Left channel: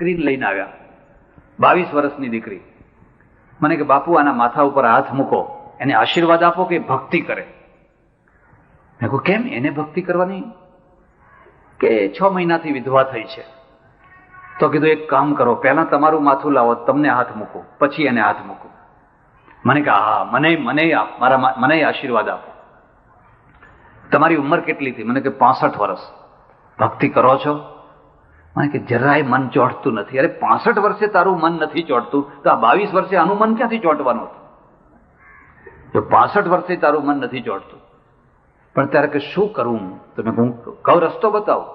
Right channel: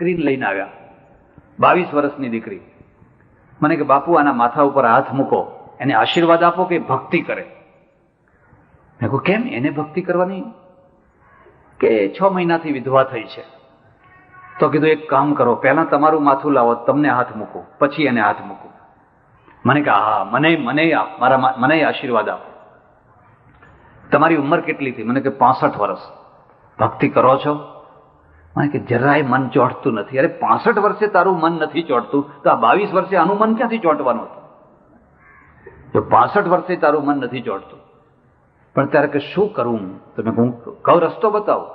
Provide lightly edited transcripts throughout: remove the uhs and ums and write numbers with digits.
દીકરીને લઈને આવ્યા, 22 વર્ષની દીકરી. મને કે બાપુ આના માથા ઉપર હાથ મૂકો, એને આશીર્વાદ આપો કે ભક્તિ કરે. મેં કહ્યું કેમ એને ભક્તિ કરવાની? કે 6 મહિનાથી વિધવા થઈ છે. તો કીધું એક કામ કરો, પહેલા તમારું માથું લાવો, તમને હાથ મૂકું, પછી એને હાથ મૂકું. મને કે હા, મને આશીર્વાદ આપો. તમારી ઉંમર કેટલી હતી? મને કે 65 વર્ષ. ભક્તિ કરો છો? મને કે જરાય મન ચોંટતું નથી. અરે 65 વર્ષે તારું મન નથી ચોંટતું તો આ 22 વર્ષે આનું મન ક્યાંથી ચોંટવાનું હતું? જો 65 વર્ષે તારું મન નથી ચોંટતું, પણ ત્યારે કે શું કરવું? તમે હું કહું રસ્તો બતાવો.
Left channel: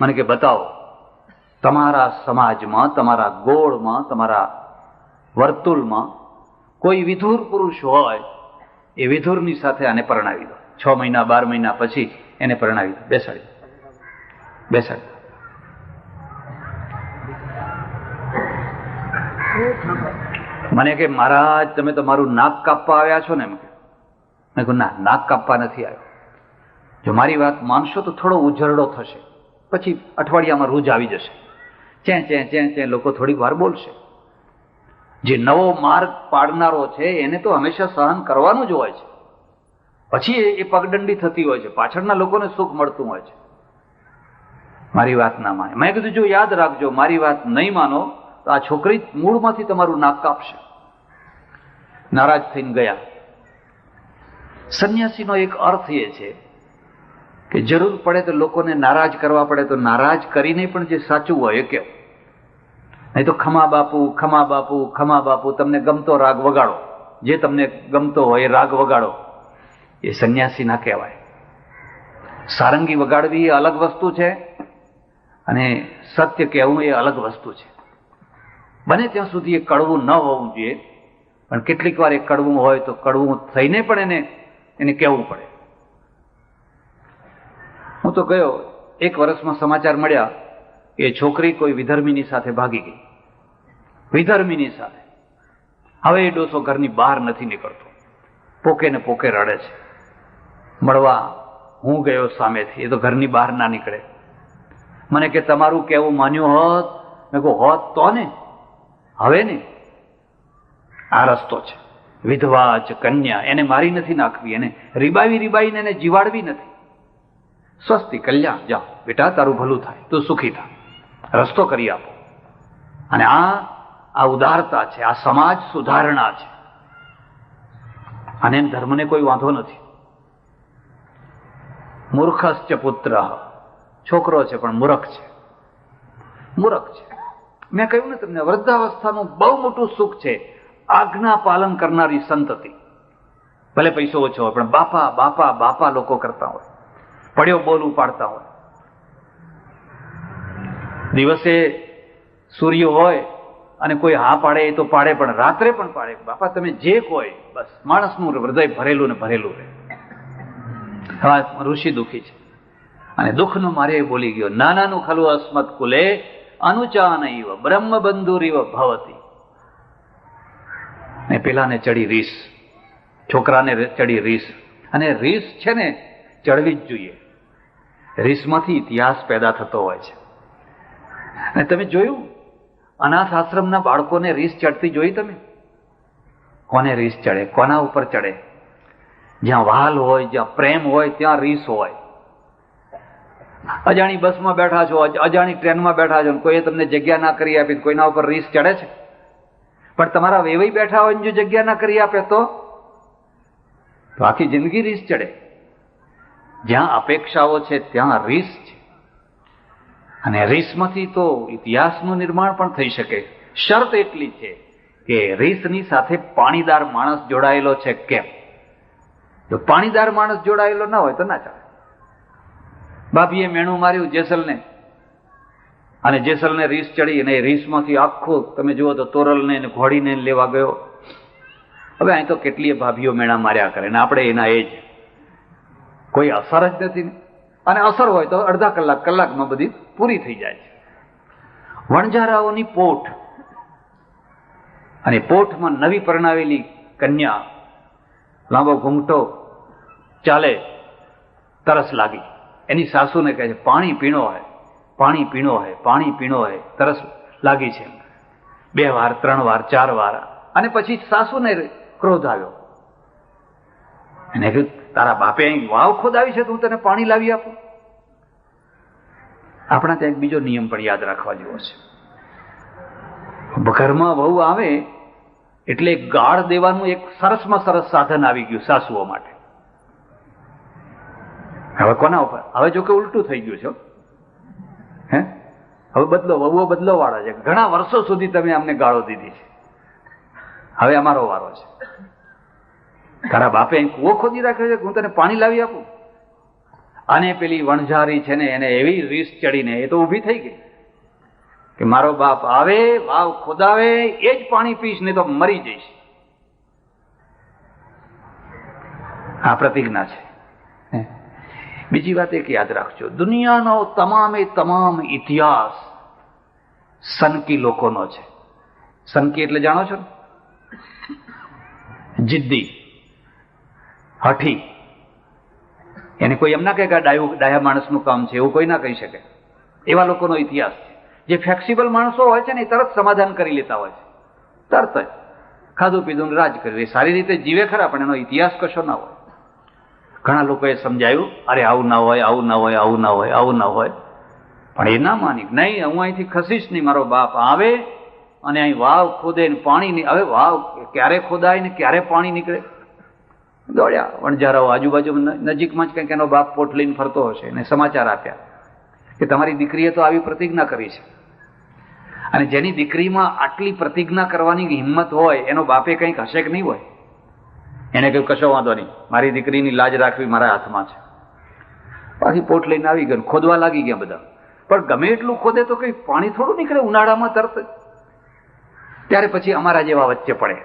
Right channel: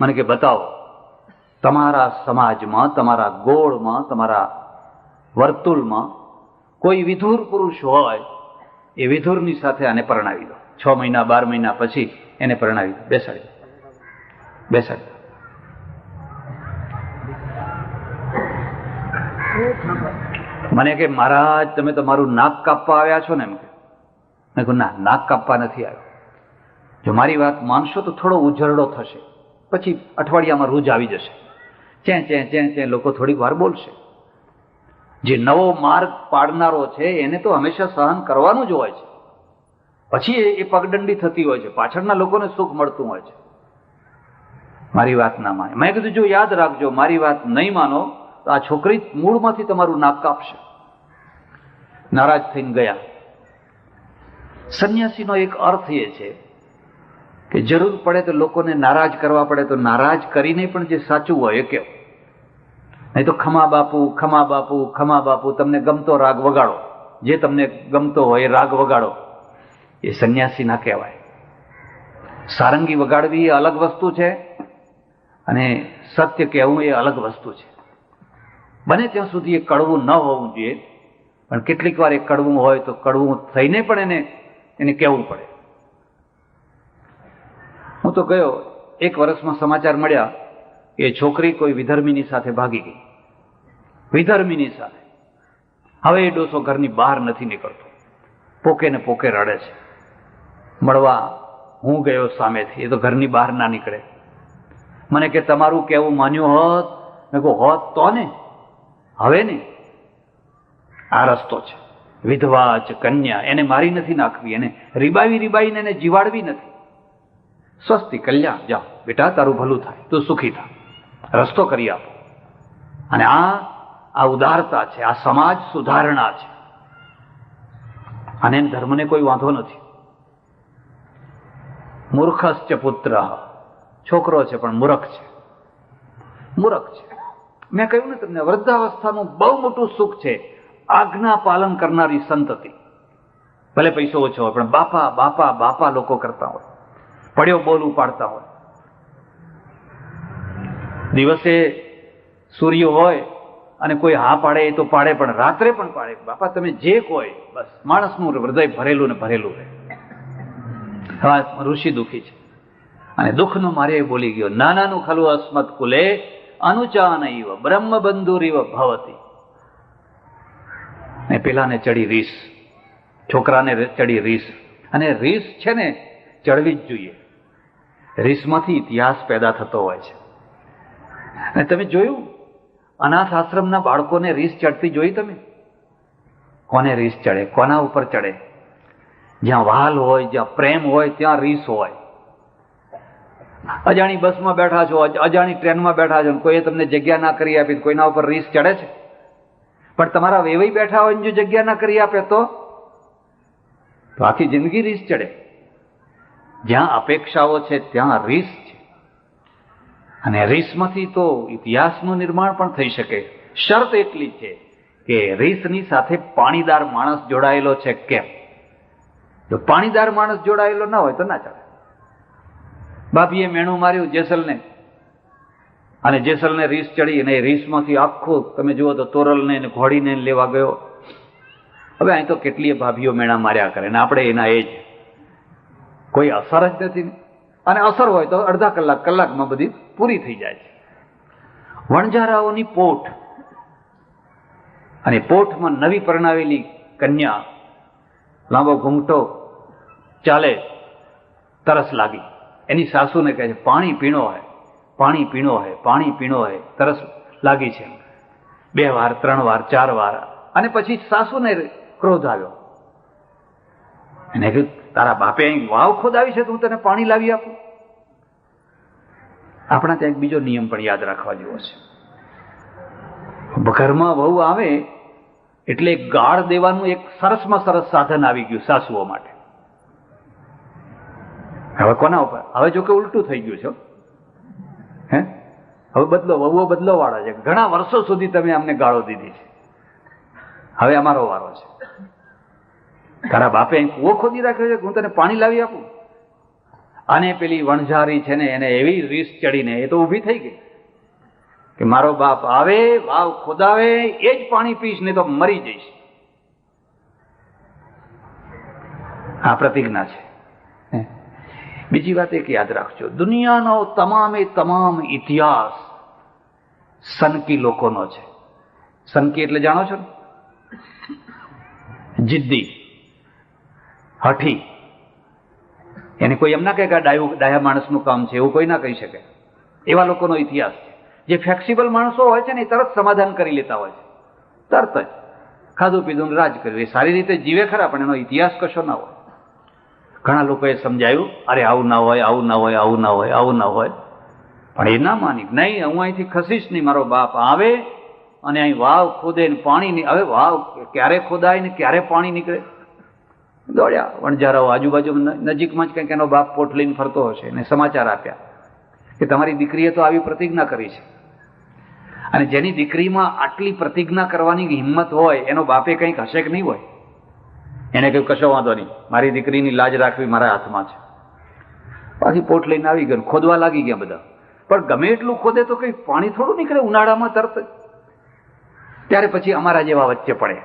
મને કે બતાવો. તમારા સમાજમાં, તમારા ગોળમાં, તમારા વર્તુળમાં કોઈ વિધુર પુરુષ હોય, એ વિધુરની સાથે આને પરણાવી દો. 6 મહિના 12 મહિના પછી એને પરણાવી દો. બેસાડી. મને કે મહારાજ તમે તમારું નાક કાપવા આવ્યા છો ને? એમ મેં કહ્યું ના, નાક કાપવા નથી આવ્યો. જો મારી વાત માનશો તો થોડો ઉજરડો થશે, પછી અઠવાડિયામાં રૂજ આવી જશે. ચે લોકો થોડીક વાર બોલશે. જે નવો માર્ગ પાડનારો છે એને તો હંમેશા સહન કરવાનું જ હોય છે. પછી એ પગદંડી થતી હોય છે, પાછળના લોકોને સુખ મળતું હોય છે. મારી વાત ના માને. મેં કીધું જો યાદ રાખજો, મારી વાત નહીં માનો તો આ છોકરી મૂળમાંથી તમારું નાક કાપશે. નારાજ થઈને ગયા. સંન્યાસીનો એક અર્થ એ છે કે જરૂર પડે તો લોકોને નારાજ કરવા પડે તો નારાજ કરીને પણ જે સાચું હોય એ કે, નહીં તો ખમા બાપુ ખમા બાપુ ખમા બાપુ, તમને ગમતો રાગ વગાડો, જે તમને ગમતો હોય એ રાગ વગાડો. એ સંન્યાસી ના કહેવાય. સારંગી વગાડવી એ અલગ વસ્તુ છે અને સત્ય કહેવું એ અલગ વસ્તુ છે. બને ત્યાં સુધી એ કડવું ન હોવું જોઈએ, પણ કેટલીક વાર એ કડવું હોય તો કડવું થઈને પણ એને કહેવું પડે. હું તો ગયો, 1 વર્ષમાં સમાચાર મળ્યા કે છોકરી કોઈ વિધર્મીની સાથે ભાગી ગઈ. વિધર્મીની સાથે. હવે એ ડોસો ઘરની બહાર નથી નીકળતો, પોકે ને પોકે રડે છે. મળવા હું ગયો સામેથી, એ તો ઘરની બહાર ના નીકળે. મને કે તમારું કેવું માન્યું હોત? મેં કહું હોત તો ને, હવે ને આ રસ્તો છે. વિધવા જ કન્યા, એને મારી નથી નાખવી, એને રીબાવીને એને જીવાડવી નથી. સ્વસ્તિ કલ્યાણ, જાઓ બેટા, તારું ભલું થાય, તું સુખી થાય, રસ્તો કરી આપો. અને આ ઉદારતા છે, આ સમાજ સુધારણા છે. અને ધર્મને કોઈ વાંધો નથી. મૂર્ખશ્ચ પુત્ર, છોકરો છે પણ મૂર્ખ છે. મેં કહ્યું ને તમને, વૃદ્ધાવસ્થાનું બહુ મોટું સુખ છે આજ્ઞા પાલન કરનારી સંતતિ. ભલે પૈસો ઓછો હોય પણ બાપા બાપા બાપા લોકો કરતા હોય, પડ્યો બોલ ઉપાડતા હોય. દિવસે સૂર્ય હોય અને કોઈ હા પાડે એ તો પાડે, પણ રાત્રે પણ પાડે. બાપા તમે જે કોઈ, બસ માણસનું હૃદય ભરેલું ને ભરેલું રહે. હા, ઋષિ દુઃખી છે અને દુઃખનો મારે બોલી ગયો, નાનાનું ખલું અસ્મત કુલે અનુચાનૈવ બ્રહ્મબંધુરીવ ભવતી. અને પેલાને ચડી રીસ, છોકરાને ચડી રીસ. અને રીસ છે ને ચડવી જ જોઈએ. રીસમાંથી ઇતિહાસ પેદા થતો હોય છે. અને તમે જોયું, અનાથ આશ્રમના બાળકોને રીસ ચડતી જોઈ તમે? કોને રીસ ચડે? કોના ઉપર ચડે? જ્યાં વહાલ હોય, જ્યાં પ્રેમ હોય ત્યાં રીસ હોય. અજાણી બસમાં બેઠા છો, અજાણી ટ્રેનમાં બેઠા છો, કોઈએ તમને જગ્યા ના કરી આપી, કોઈના ઉપર રીસ ચડે છે? પણ તમારા વેવાઈ બેઠા હોય જો જગ્યા ના કરી આપે તો આખી જિંદગી રીસ ચડે. જ્યાં અપેક્ષાઓ છે ત્યાં રીસ છે. અને રીસમાંથી તો ઇતિહાસનું નિર્માણ પણ થઈ શકે. શરત એટલી છે કે રીસની સાથે પાણીદાર માણસ જોડાયેલો છે કેમ? જો પાણીદાર માણસ જોડાયેલો ના હોય તો ના ચાલે. બાપીએ મેણું માર્યું જેસલને, અને જેસલને રીસ ચડી, અને રીસમાંથી આખું તમે જુઓ તો તોરલને ઘોડીને લેવા ગયો. હવે અહીં તો કેટલીય ભાભીઓ મેણા માર્યા કરે ને આપણે એના એ જ, કોઈ અસર જ નથી. અને અસર હોય તો અડધા કલાકમાં બધી પૂરી થઈ જાય છે. વણઝારાઓની પોઠ, અને પોઠમાં નવી પરણાવેલી કન્યા, લાંબો ઘૂંઘટો ચાલે, તરસ લાગી, એની સાસુને કહે છે પાણી પીણો હોય. પાણી પીણો હે, પાણી પીણો હે, તરસ લાગી છે. 2 વાર 3 વાર 4 વાર, અને પછી સાસુને ક્રોધ આવ્યો. એને કીધું, તારા બાપે અહીં વાવ ખોદાવી છે તો હું તને પાણી લાવી આપું? આપણા ત્યાં એક બીજો નિયમ પણ યાદ રાખવા જેવો છે. ઘરમાં વહુ આવે એટલે ગાળ દેવાનું એક સરસમાં સરસ સાધન આવી ગયું સાસુઓ માટે. હવે કોના ઉપર? હવે જો કે ઉલટું થઈ ગયું છે. હે, હવે વહુઓ બદલો વાળા છે. ઘણા વર્ષો સુધી તમે અમને ગાળો દીધી છે, હવે અમારો વારો છે. તારા બાપે અહીં કૂવો ખોદી રાખ્યો છે, હું તને પાણી લાવી આપું? અને પેલી વણઝારી છે ને, એને એવી રીસ ચડીને એ તો ઊભી થઈ ગઈ કે મારો બાપ આવે, વાવ ખોદાવે, એ જ પાણી પીશ, ને તો મરી જઈશ. આ પ્રતિજ્ઞા છે. બીજી વાત એક યાદ રાખજો, દુનિયાનો તમામે તમામ ઇતિહાસ સનકી લોકોનો છે. સનકી એટલે જાણો છો? જિદ્દી, હઠી. એને કોઈ એમ ના કહે કે ડાયા માણસનું કામ છે, એવું કોઈ ના કહી શકે. એવા લોકોનો ઇતિહાસ છે. જે ફ્લેક્સિબલ માણસો હોય છે ને, એ તરત સમાધાન કરી લેતા હોય છે, તરત જ ખાધું પીધું રાજ કર્યું. એ સારી રીતે જીવે ખરા, પણ એનો ઇતિહાસ કશો ના હોય. ઘણા લોકોએ સમજાયું, અરે આવું ના હોય, આવું ના હોય, આવું ના હોય, આવું ના હોય. પણ એ ના માની, નહીં હું અહીંથી ખસીશ નહીં. મારો બાપ આવે અને અહીં વાવ ખોદે ને પાણી, હવે વાવ ક્યારે ખોદાય ને ક્યારે પાણી નીકળે. દોડ્યા વણઝારાઓ આજુબાજુ નજીકમાં જ કંઈક એનો બાપ પોટ લઈને ફરતો હશે, એને સમાચાર આપ્યા કે તમારી દીકરીએ તો આવી પ્રતિજ્ઞા કરી છે. અને જેની દીકરીમાં આટલી પ્રતિજ્ઞા કરવાની હિંમત હોય, એનો બાપે કંઈક હશે કે નહીં હોય? એને કહ્યું, કશો વાંધો નહીં, મારી દીકરીની લાજ રાખવી મારા હાથમાં છે. પાછી પોટ લઈને આવી ગયો, ખોદવા લાગી ગયા બધા. પણ ગમે એટલું ખોદે તો કંઈ પાણી થોડું નીકળે ઉનાળામાં તરત. ત્યારે પછી અમારા જેવા વચ્ચે પડે,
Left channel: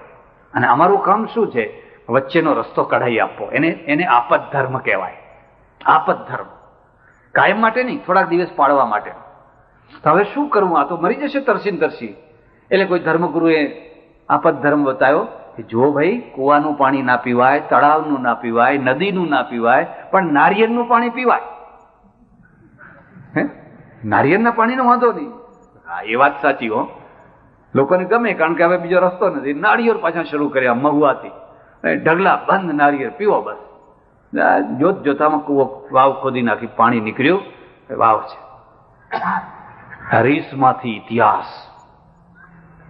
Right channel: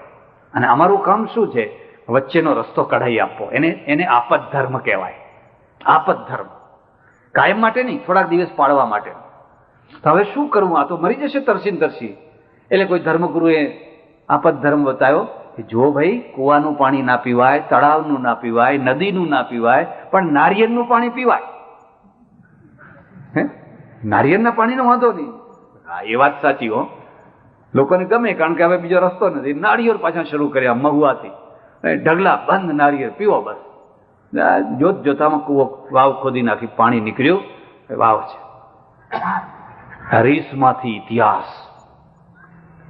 અને અમારું કામ શું છે? વચ્ચેનો રસ્તો કઢાઈ આપવો. એને આપત ધર્મ કહેવાય. આપત ધર્મ કાયમ માટે નહીં, થોડાક દિવસ પાડવા માટે. હવે શું કરવું? આ તો મરી જશે તરસી તરસી. એટલે કોઈ ધર્મગુરુએ આપત ધર્મ બતાવ્યો કે જો ભાઈ, કુવાનું પાણી ના પીવાય, તળાવનું ના પીવાય, નદીનું ના પીવાય, પણ નારિયેળનું પાણી પીવાય. નારિયેળના પાણીનો વાંધો નહીં. હા, એ વાત સાચી હો, લોકોને ગમે, કારણ કે હવે બીજો રસ્તો નથી. નારિયેળ પાછા શરૂ કર્યા મહુવાથી, ઢગલા બંધ નારિયેળ પીવો બસ. જોત જોતામાં કૂવો વાવ ખોદી નાખી, પાણી નીકળ્યું. વાવ છે. હરીશમાંથી ઇતિહાસ.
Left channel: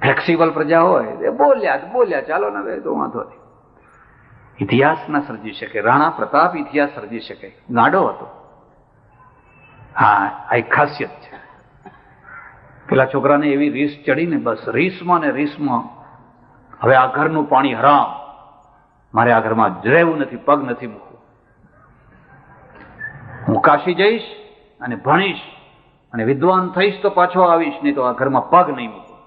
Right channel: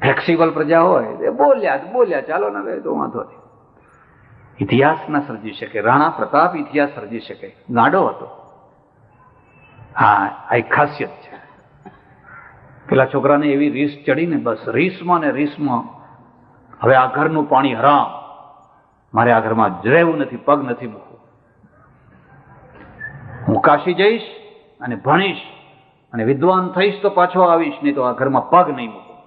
ફ્લેક્સિબલ પ્રજા હોય એ બોલ્યા ચાલો ને, હવે તો વાંધો નહીં. ઇતિહાસ ના સર્જી શકે. રાણા પ્રતાપ ઇતિહાસ સર્જી શકે, ગાંડો હતો. હા, આ એક ખાસિયત છે. પેલા છોકરાને એવી રીસ ચડીને, બસ રીસમાં ને રીસમાં, હવે આ ઘરનું પાણી હરામ, મારે આ ઘરમાં રહેવું નથી, પગ નથી મૂકવું. હું કાશી જઈશ અને ભણીશ અને વિદ્વાન થઈશ તો પાછો આવીશ, નહીં તો આ ઘરમાં પગ નહીં મૂકું.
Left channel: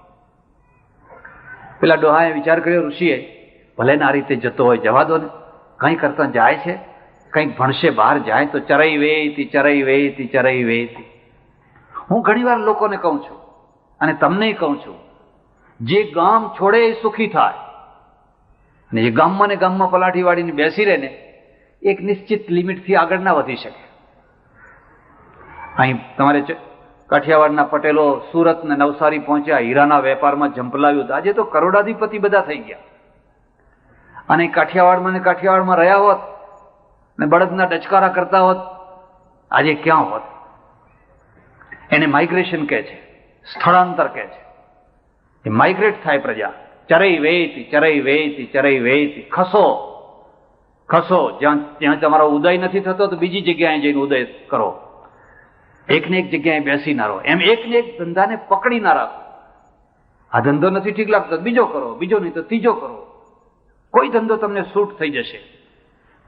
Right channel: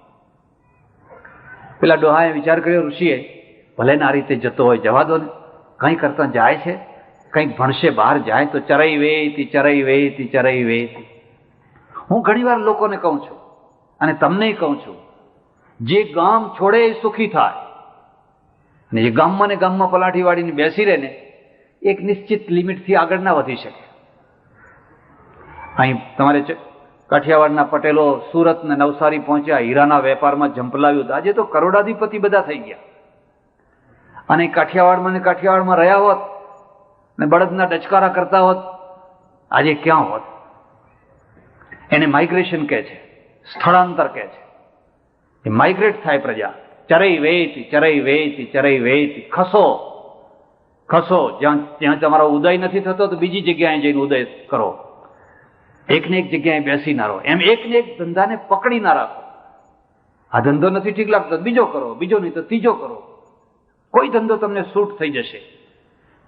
પેલા ડોહાએ વિચાર કર્યો, ઋષિએ, ભલે ને આ રીતે જતો હોય, જવા દો ને, કંઈ કરતા જાય છે, કંઈક ભણશે, બહાર જાય તો ચરાઈ વેતી ચરાઈ વેતી ચરાઈ વેતી. હું ઘણીવાર લોકોને કહું છું અને તમને કહું છું, જે ગામ છોડે એ સુખી થાય, અને જે ગામમાં ને ગામમાં પલાઠી વાળીને બેસી રહે ને, એક નિશ્ચિત લિમિટથી આગળ ના વધી શકે. અહીં તમારે કાઠિયાવાડના પટેલો સુરત ને નવસારી પહોંચ્યા, હીરાના વેપારમાં ઝંપલાવ્યું. આજે તો કરોડાધિપતિ બધા થઈ ગયા. અને કાઠિયાવાડમાં રહ્યા હોત ને બળદના ડચકારા કરતા હોત, આજે ક્યાં હોત? એને માઇગ્રેશન કહે છે, સ્થળાંતર કહે છે. એ માઇગ્રેટ થાય પ્રજા. ચરઈ વેતી ચરઈ વેતી ચરઈ વેતી. ખસો. જ્યાં તમારો ઉદય નથી થતો તો બીજી જગ્યાએ જઈને ઉદય કરો. એકને એક જગ્યાએ બેસી ના રહો. એમ એકને એક ધંધાને પકડી ના રાખો. આ ધંધો નથી ઠીક લાગતો, બીજો કરો, બીજો નહીં તો ત્રીજો કરો. કોઈ ધંધો તમને સૂટ થઈ જશે.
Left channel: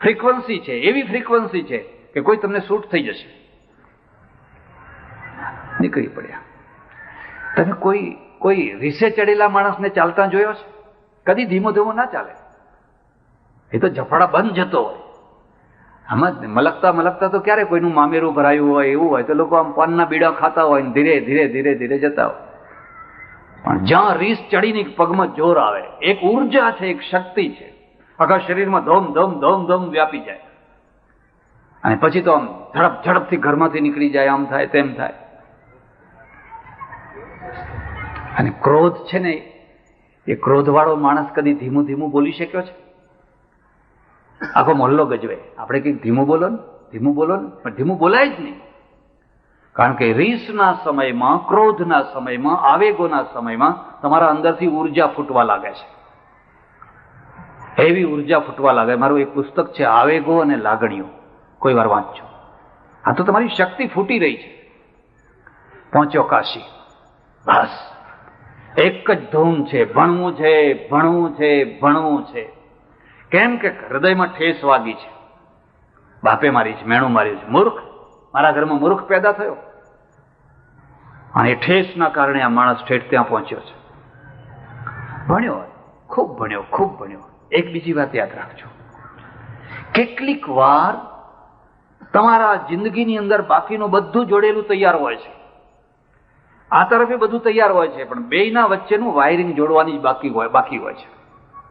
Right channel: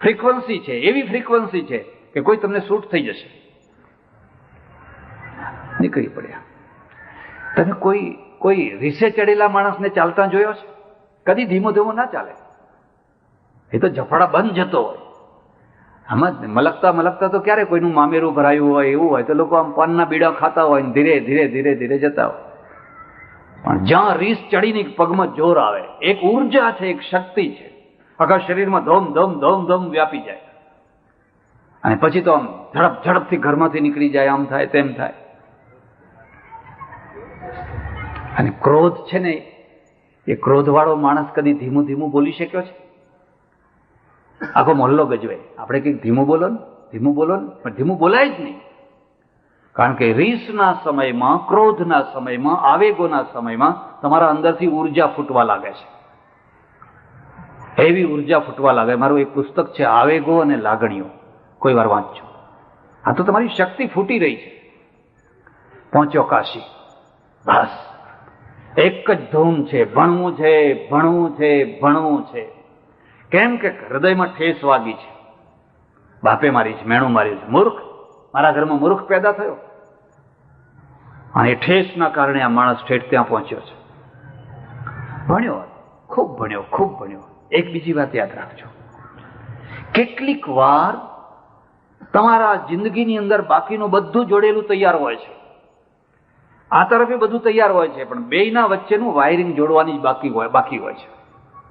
ફ્રીક્વન્સી છે, એવી ફ્રીક્વન્સી છે કે કોઈ તમને સૂટ થઈ જશે. નીકળી પડ્યા. તમે કોઈ રીસે ચડેલા માણસને ચાલતા જોયો છે? કદી ધીમો ધીમો ના ચાલે. એ તો ઝફડા બંધ જતો હોય. આમાં મલકતા તો ક્યારે કોઈનું મામેરું ભરાયું હોય એવું હોય તો લોકો આમ પાનના બીડા ખાતા હોય ને ધીરે ધીરે ધીરે ધીરે જતા હોય. પણ જ્યાં રીસ ચડીને પગમાં જોર આવે, એક ઉર્જા છે, એક શક્તિ છે, આખા શરીરમાં ધોમ ધોમ ધોમ ધોમ વ્યાપી જાય. અને પછી તો આમ ઝડપથી ઘરમાંથી નીકળી જાય, આમ થાય તેમ થાય. અને ક્રોધ છે ને, એ ક્રોધવાળો માણસ કદી ધીમું ધીમું બોલી શક્યો છે? આખો મોહલ્લો ગજવે. આપણે કંઈક ધીમું બોલો ને, ધીમું બોલો ને, પણ ધીમું બોલાય જ નહીં. કારણ કે રીસના સમયમાં, ક્રોધના સમયમાં, આવેગોના સમયમાં તમારા અંદરથી ઉર્જા ફૂટવા લાગે છે. એવી ઉર્જા ફૂટવા લાગે. મારું એક પુસ્તક છે, આવેગો અને લાગણીઓ, કોઈ વાર વાંચજો. આ તો તમારી શક્તિ ફૂટી રહી છે. પહોંચ્યો કાશી, બસ એક જ ધૂમ છે, ભણવું છે, ભણવું છે, ભણવું છે. કેમ કે હૃદયમાં ઠેસ વાગી છે. બાપે મારી છે, મેણું મારી છે, મૂર્ખ, મારા ઘરમાં મૂર્ખ પેદા થયો. અને ઠેસના કારણે આ માણસ ઠેઠ ત્યાં પહોંચ્યો છે. ભણ્યો, ખૂબ ભણ્યો, ખૂબ ભણ્યો. એક બીજી વાત યાદ રાખજો, કેટલીક વાર તમારા જિંદગીની અંદર બાકીનું બધું જોડેલું તૈયાર હોય છે. આ તરફે બધું તૈયાર હોય છે, પણ બેયના વચ્ચેનું વાયરિંગ જોડવાની જ બાકી હોય છે.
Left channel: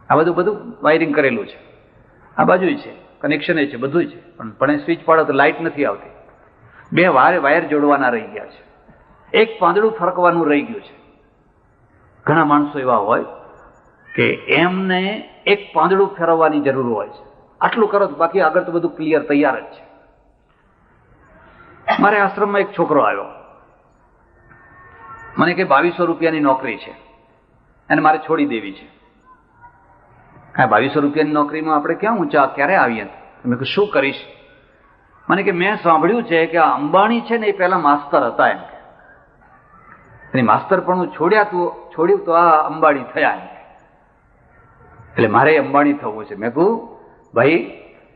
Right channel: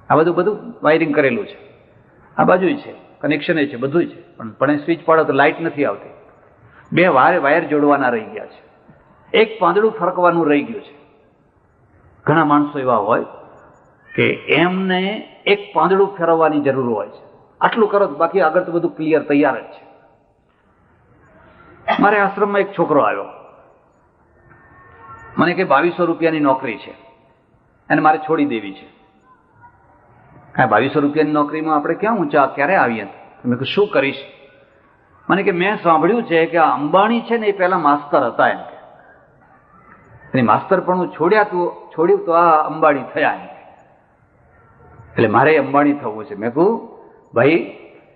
આ બધું વાયરિંગ કરેલું છે. આ બાજુ છે, કનેક્શન છે, બધું છે, પણ સ્વિચ પાડો તો લાઇટ નથી આવતી. બે વાયર જોડવાના રહી ગયા છે. એક પાંદડું ફરકવાનું રહી ગયું છે. ઘણા માણસો એવા હોય કે એમને એક પાંદડું ફેરવવાની જરૂર હોય છે. આટલું કરો, બાકી આગળ તો બધું ક્લિયર તૈયાર જ છે. મારે આશ્રમમાં એક છોકરો આવ્યો, મને કે 2200 રૂપિયાની નોકરી છે અને મારે છોડી દેવી છે. હા, 2200 રૂપિયાની નોકરીમાં આપણે ક્યાં ઊંચા ક્યારે આવીએ? મેં કહ્યું શું કરીશ? મને કે મેં સાંભળ્યું છે કે આ અંબાણી છે ને, એ પહેલા માસ્તર હતા. એમ માસ્તર પણ છોડ્યું તો આ અંબાણી થયા. એટલે મારે અંબાણી થવું છે. મેં કહું ભાઈ,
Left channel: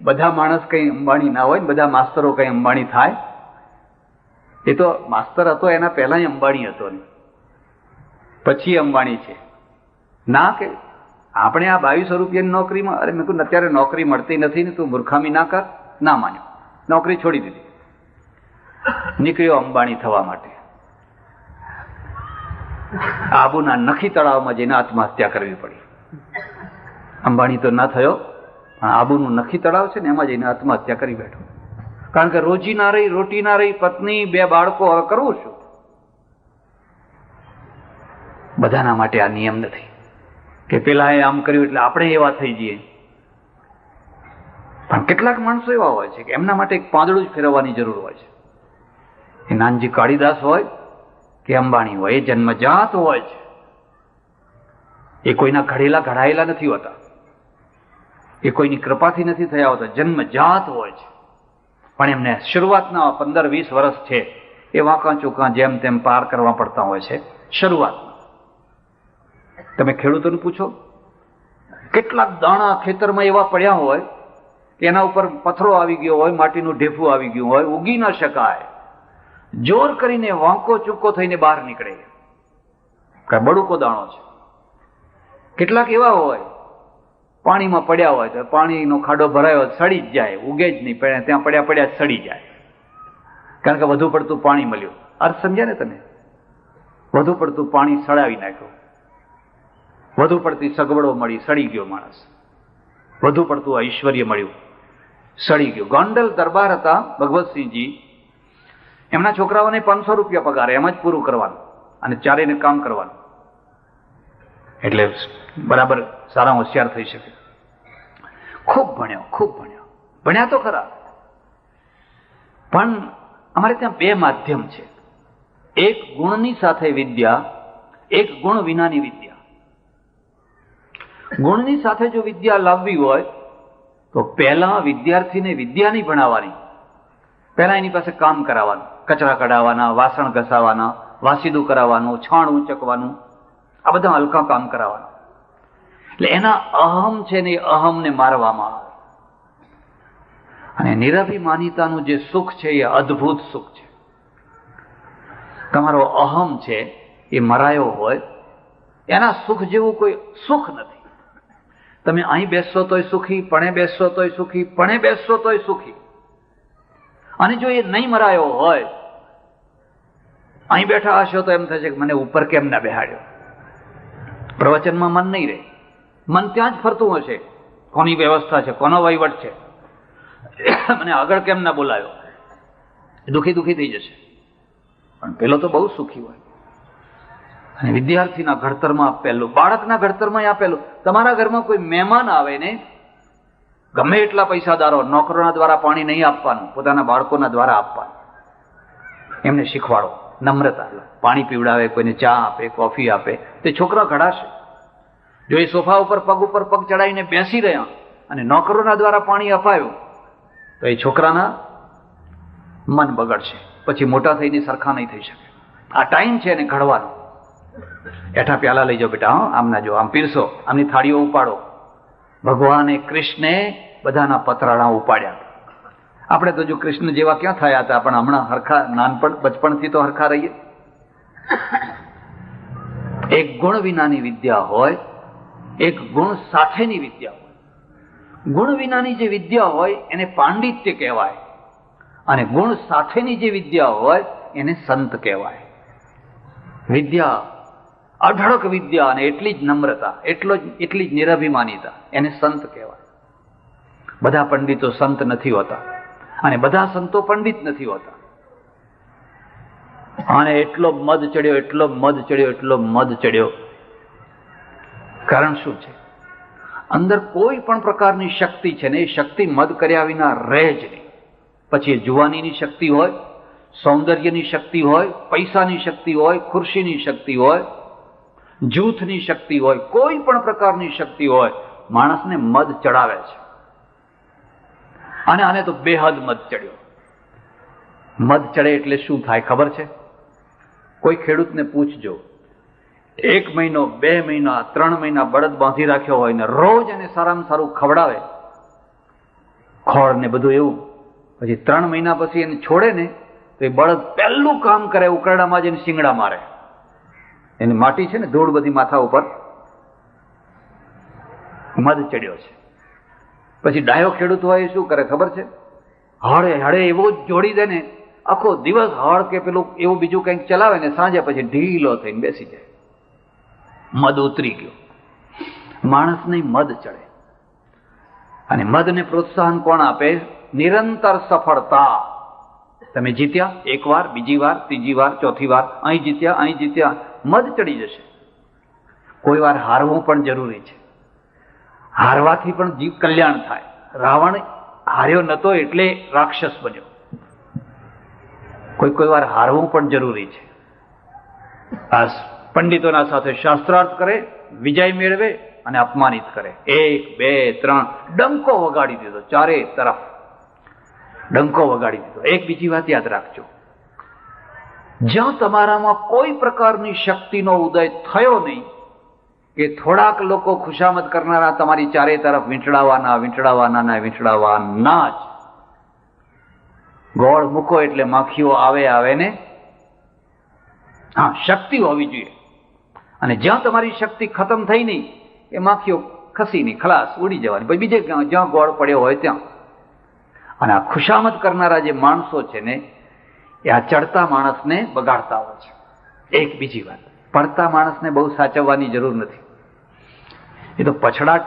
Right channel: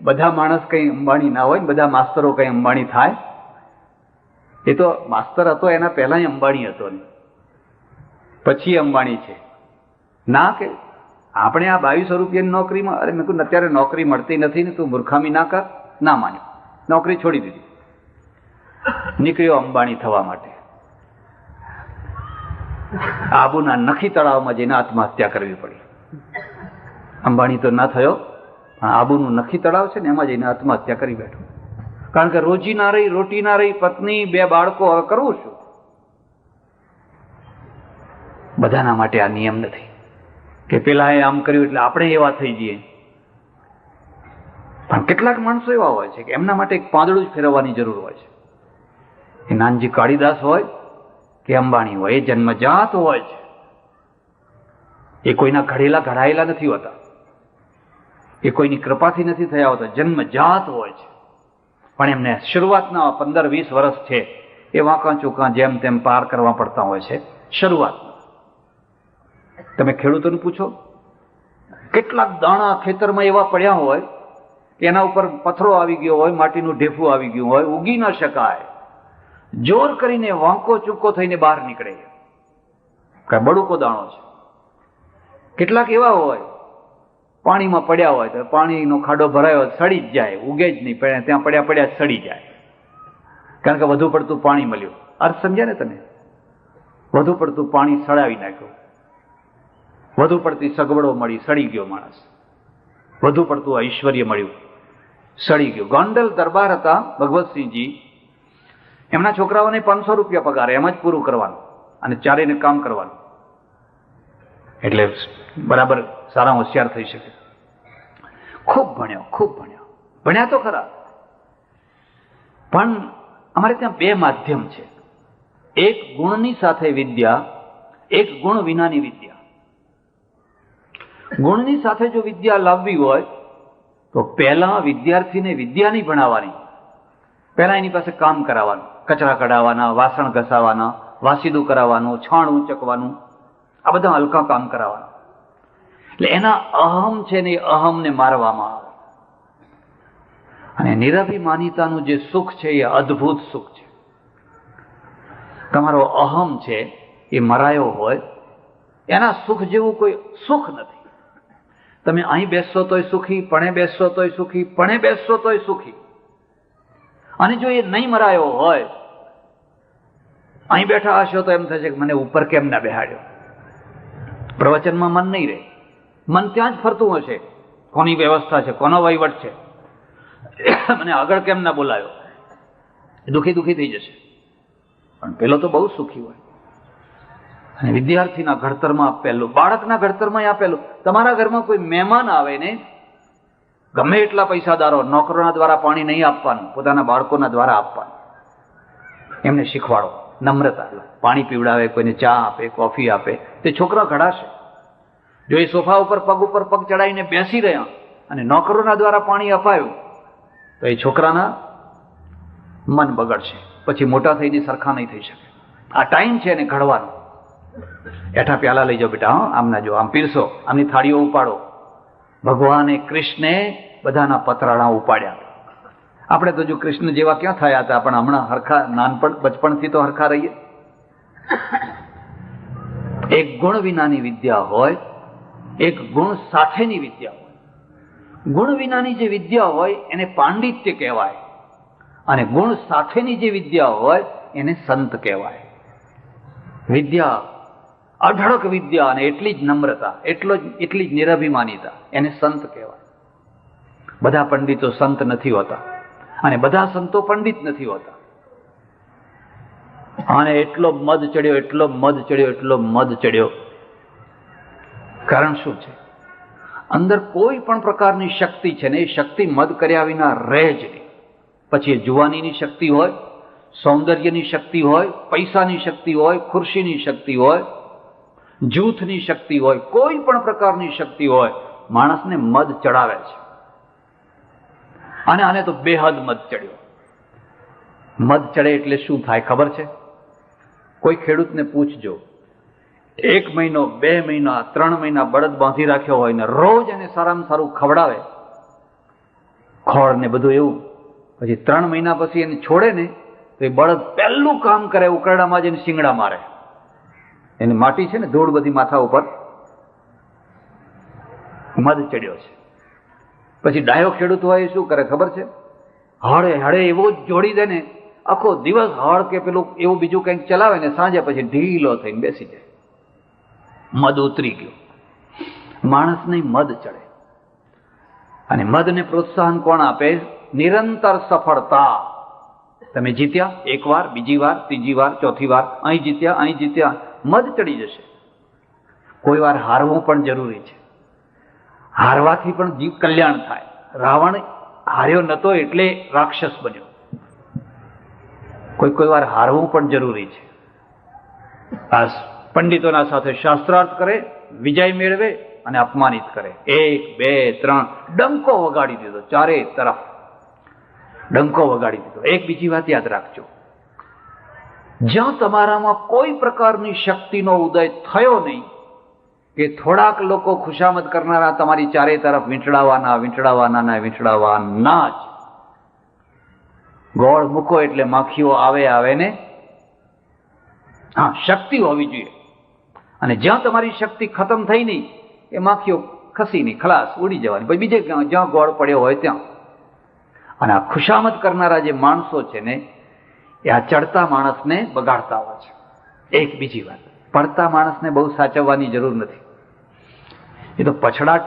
બધા માણસ કઈ અંબાણી ના હોય ને, બધા માસ્તરો કઈ અંબાણી થાય? એ તો માસ્તર હતો એના પહેલા અંબાણી હતો ને, પછી અંબાણી છે ના. કે આપણે આ 2200 રૂપિયાની નોકરીમાં, અરે મેં કહ્યું અત્યારે નોકરી મળતી નથી ને, તું મૂર્ખામી ના કર. ના માન્યો, નોકરી છોડી દીધી, નીકળ્યો અંબાણી થવા માટે. આબુના નખી તળાવમાં જઈને આત્મહત્યા કરવી પડી. અંબાણી તો ના થયો, પણ આબુનું નખી તળાવ છે ને, એમાં જઈને આત્મહત્યા કરી બેઠો. કારણ કે રોજી ના રહી, રોટી ના રહી, પત્ની, 2 બાળકો, હવે કરવું શું? બધાના માટે આ નિયમ નથી કે પેલા આમ કર્યું એટલે આપણે એવા થઈ જઈએ. પણ કેટલાક માણસો એવા હોય છે કે એમના માટે એક પાંદડું જ ફેરવવાની જરૂર હોય છે. એ નાનજી કાળીદાસ હોય કે અંબાણી હોય, એ જન્મજાત હોય છે. એ કોઈના ઘડાયેલા નથી હોતા, એ કોઈની કૃપાથી નથી થયા હોતા, જન્મજાત હોય છે. પણ એમને શરૂઆતના 15-20 વર્ષ છે એ વાંકા ચૂકા જેમ તેમ પાર કરવા પડતા હોય છે. શરૂઆત તમે ખેડૂતોને પૂછો, કેટલાક દાણા ખેતરમાં એવા પડ્યા હોય કે એના ઉપર પથ્થરો આવી ગયો હોય, માટીનું ઢેફું આવી ગયું હોય, ઉગી ન શકાય, જોર કરીને વાંકો ચૂકો થઈને બહાર નીકળે, બળુકો દાણો છે. કેટલાક એવા હોય પાણીમાં પડ્યા હોય તો પાણીનો ખાડો ભરાયો સડી જ જાય, ઉગે જ નહીં, ત્યાં પડ્યા સડી જાય. કારણ કે વધુ પડતું પાણી મળ્યું. અર્થ સમજ્યા ને તમે? વધુ પડતું પાણી સડાવી નાખ્યું, વધુ પડતી સગવડો મળી, સડી ગયો માણસ. વધુ પડતું ઐશ્વર્ય મળ્યું, સડી ગયો. ગોંડલ દરબાર હતા ભગવતસિંહજી, એમના છોકરાઓને 500 રૂપિયા પગાર, એમ જ પૂરું કરવાનું અને ચારેને કામ કરવાનું, એટલે બરાબર સારા હોશિયાર થઈ શકે. ખૂબ ભણ્યો, ખૂબ ભણ્યો, ભણ્યા તો ખરા. પણ અમારે ત્યાં 2 માધ્યમ છે, એક ગુણની સાથે વિદ્યા, એક ગુણ વિનાની વિદ્યા. ગુણની સાથે જો વિદ્યા લાવવી હોય તો પહેલા વિદ્યાર્થીને વિદ્યા નહીં ભણાવવાની, પહેલા એની પાસે કામ કરાવવાનું, કચરા કઢાવવાના, વાસણ ઘસાવાના, વાસીદું કરાવવાનું, છાણ ઉંચકવાનું, આ બધા હલકા કામ કરાવવાના. એટલે એના અહમ છે ને, એ અહમને મારવામાં આવે. અને નિરભિમાનિતાનું જે સુખ છે એ અદ્ભુત સુખ છે. તમારો અહમ છે એ મરાયો હોય, એના સુખ જેવું કોઈ સુખ નથી. તમે અહીં બેસશો તોય સુખી, પણે બેસશો તોય સુખી, પણે બેસશો તોય સુખી. અને જો એ નહીં મરાયો હોય, અહીં બેઠા હશો તો એમ થશે કે મને ઉપર કેમ ના બેહાડ્યો. પ્રવચનમાં મન નહીં રહે, મન ત્યાં જ ફરતું હશે, કોની વ્યવસ્થા છે, કોનો વહીવટ છે, મને આગળ કેમ ના બોલાયો, દુખી થઈ જશે. પણ પેલો તો બહુ સુખી હોય. અને વિદ્યાર્થીના ઘડતરમાં આપેલું, બાળકના ઘડતરમાં આપેલું. તમારા ઘરમાં કોઈ મહેમાન આવે ને, ગમે એટલા પૈસાદારો, નોકરોના દ્વારા પાણી નહીં આપવાનું, પોતાના બાળકોના દ્વારા આપવાનું. એમને શીખવાડો નમ્રતા. પાણી પીવડાવે, કોઈને ચા આપે, કોફી આપે, તે છોકરા ઘડાશે. જો એ સોફા ઉપર પગ ચડાવીને બેસી રહ્યા અને નોકરોના દ્વારા પાણી અપાયું તો એ છોકરાના મન બગડશે, પછી મોટા થઈને સરખા નહીં થઈ શકે. આ ટાઈમ છે એને ઘડવાનો. એઠા પ્યાલા લઈ જાઓ બેટા, આમ ના જો, આમ પીરસો, આમની થાળીઓ ઉપાડો. ભગવાને કૃષ્ણે બધાના પતરાળા ઉપાડ્યા. આપણે તો જો કૃષ્ણ જેવા ક્યાં થયા હતા, પણ હમણાં હરખા બચપણથી તો હરખા રહીએ. એક ગુણ વિનાની વિદ્યા હોય, એક ગુણ સાથેની વિદ્યા હોય. ગુણ વિનાની જે વિદ્યા હોય એને પાંડિત્ય કહેવાય, અને ગુણ સાથેની જે વિદ્યા હોય એને સંત કહેવાય. વિદ્યા અઢળક વિદ્યા અને એટલી જ નમ્રતા, એટલી જ નિરભિમાનીતા, એને સંત કહેવાય. બધા પંડિતો સંત નથી હોતા અને બધા સંતો પંડિત નથી હોતા. અને એટલો મદ ચડ્યો. કારણ શું છે? અંદર કોઈ પણ પ્રકારની શક્તિ છે ને, એ શક્તિ મદ કર્યા વિના રહે જ નહીં. પછી એ જુવાનીની શક્તિ હોય, સૌંદર્યની શક્તિ હોય, પૈસાની શક્તિ હોય, ખુરશીની શક્તિ હોય, જૂથની શક્તિ હોય, કોઈ પણ પ્રકારની શક્તિ હોય, માણસને મદ ચડાવે છે. અને આને તો બેહદ મદ ચડ્યો. મદ ચડે એટલે શું થાય ખબર છે? કોઈ ખેડૂતને પૂછજો, 1 મહિનો, 2 મહિના, 3 મહિના બળદ બાંધી રાખ્યો હોય ને રોજ એને સારામાં સારું ખવડાવે, ખોળ ને બધું એવું, પછી 3 મહિના પછી એને છોડે ને તો એ બળદ પહેલું કામ કરે, ઉકરડામાં જઈને શિંગડા મારે. એની માટી છે ને, ધૂળ બધી માથા ઉપર. મદ ચડ્યો છે. પછી ડાયો ખેડૂત હોય શું કરે ખબર છે? હળે એવો જ જોડી દે ને, આખો દિવસ હળ કે પેલું એવું બીજું કંઈક ચલાવે ને સાંજે પછી ઢીલો થઈને બેસી જાય. મદ ઉતરી ગયો. માણસને મદ ચડે. અને મદને પ્રોત્સાહન કોણ આપે? નિરંતર સફળતા. તમે જીત્યા, 1 વાર, બીજી વાર, ત્રીજી વાર, ચોથી વાર, અહીં જીત્યા, મદ ચડી જશે. કોઈ વાર હારવું પણ જરૂરી છે. હારવાથી પણ જીવ કલ્યાણ થાય. રાવણ હાર્યો નતો એટલે રાક્ષસ બન્યો. કોઈ વાર હારવું પણ જરૂરી છે. આ પંડિતોના સાથે શાસ્ત્રાર્થ કરે, વિજય મેળવે અને અપમાનિત કરે. 1, 2, 3 ડંકો વગાડી દીધો, ચારે તરફ ડંકો વગાડી દીધો. એક બીજી વાત યાદ રાખજો, જ્યાં તમારામાં કોઈ પ્રકારની શક્તિનો ઉદય થયો નહીં, કે થોડાક લોકો ખુશામત કરનારા તમારી ચારે તરફ વીંટળાવાના જ, ગોળ મૂકો એટલે માખીઓ આવે ને. હા, શક્તિ હોવી જોઈએ. અને જ્યાં તમારી શક્તિ ખતમ થઈ નહીં, એ માખીઓ ખસી નહીં, ખલાસ ઉડી જવાની, પછી બીજે જ્યાં ગોળ પડ્યો હોય ત્યાં. અને આ ખુશામત કરનારા જે માણસો છે ને, એ આ ચડતા માણસને બગાડતા હોય છે. એક બીજી વાત, પડતા માણસને બહુ સાચવવાની જરૂર નથી. એ તો પછડાટ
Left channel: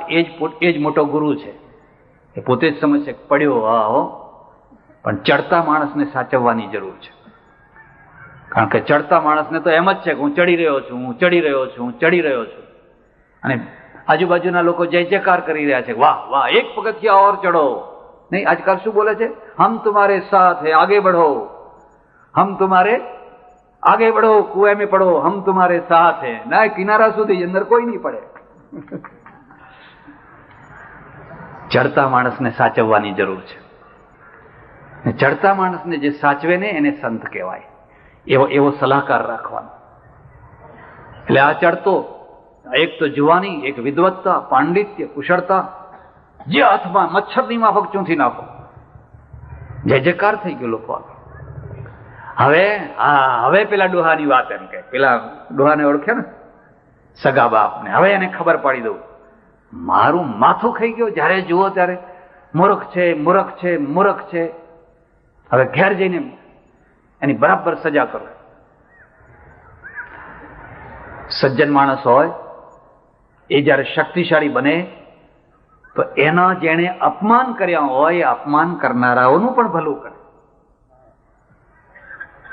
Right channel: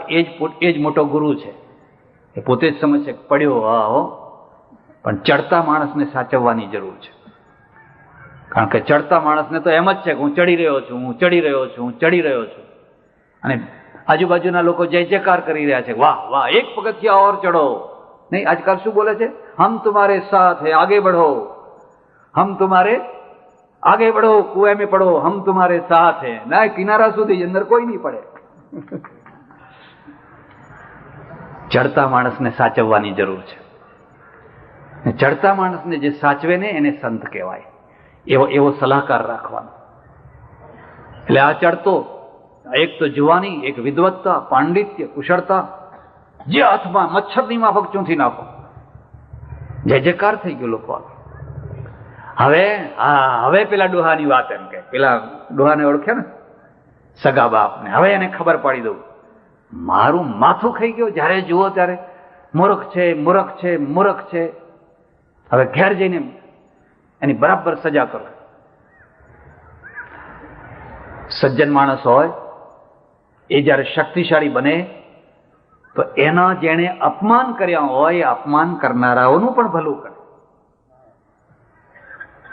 એ જ મોટો ગુરુ છે. એ પોતે જ સમજશે પડ્યો હો, પણ ચડતા માણસને સાચવવાની જરૂર છે. કારણ કે ચડતા માણસને તો એમ જ છે કે હું ચડી રહ્યો છું. અને આજુબાજુના લોકો જય જયકાર કરી રહ્યા છે, વાહ વાહ, 1 પગથિયા ઓર ચડો. નહીં, આજકાલ શું બોલે છે? હમ તુમ્હારે સાથ હૈ, આગે बढ़ो, હમ તુમ્હારે આગે बढ़ो, કુએ में પડો, હમ તુમ્હારે સાથ હૈ. ના, કિનારા સુધી, અંદર કોઈ નહીં પડે. ચડતા માણસને સાચવવાની જરૂર છે. ચડતા માણસને જે સાચવે ને એને સંત કહેવાય. એવો સલાહકાર રાખવાનો. એટલે આ ચડતો, એક તો જુવાની, એક વિદ્વત્તા, પાંડિત્ય, કુશળતા, જે હાથમાં મચ્છરની માફક ચૂંથી નાખો. જય જયકાર થઈ ગયો લોકો. હવે પેલા ડોહાની વાત એમ કે, પેલા ડોહાને ઓળખે ને, સગા બાપને. હવે એને ખબર પાડી દઉં, મારું માથું ખાઈ ગયું. જ્યારે જુઓ ત્યારે મૂર્ખ છે. હવે ઘેર જઈને એની બરાબર સજા કરો. સજ્જન માણસ હોય એ જ્યારે શક્તિશાળી બને તો એના જેણે અપમાન કર્યા હોય, એ અપમાન કરનારાઓનું પણ ભલું કરે.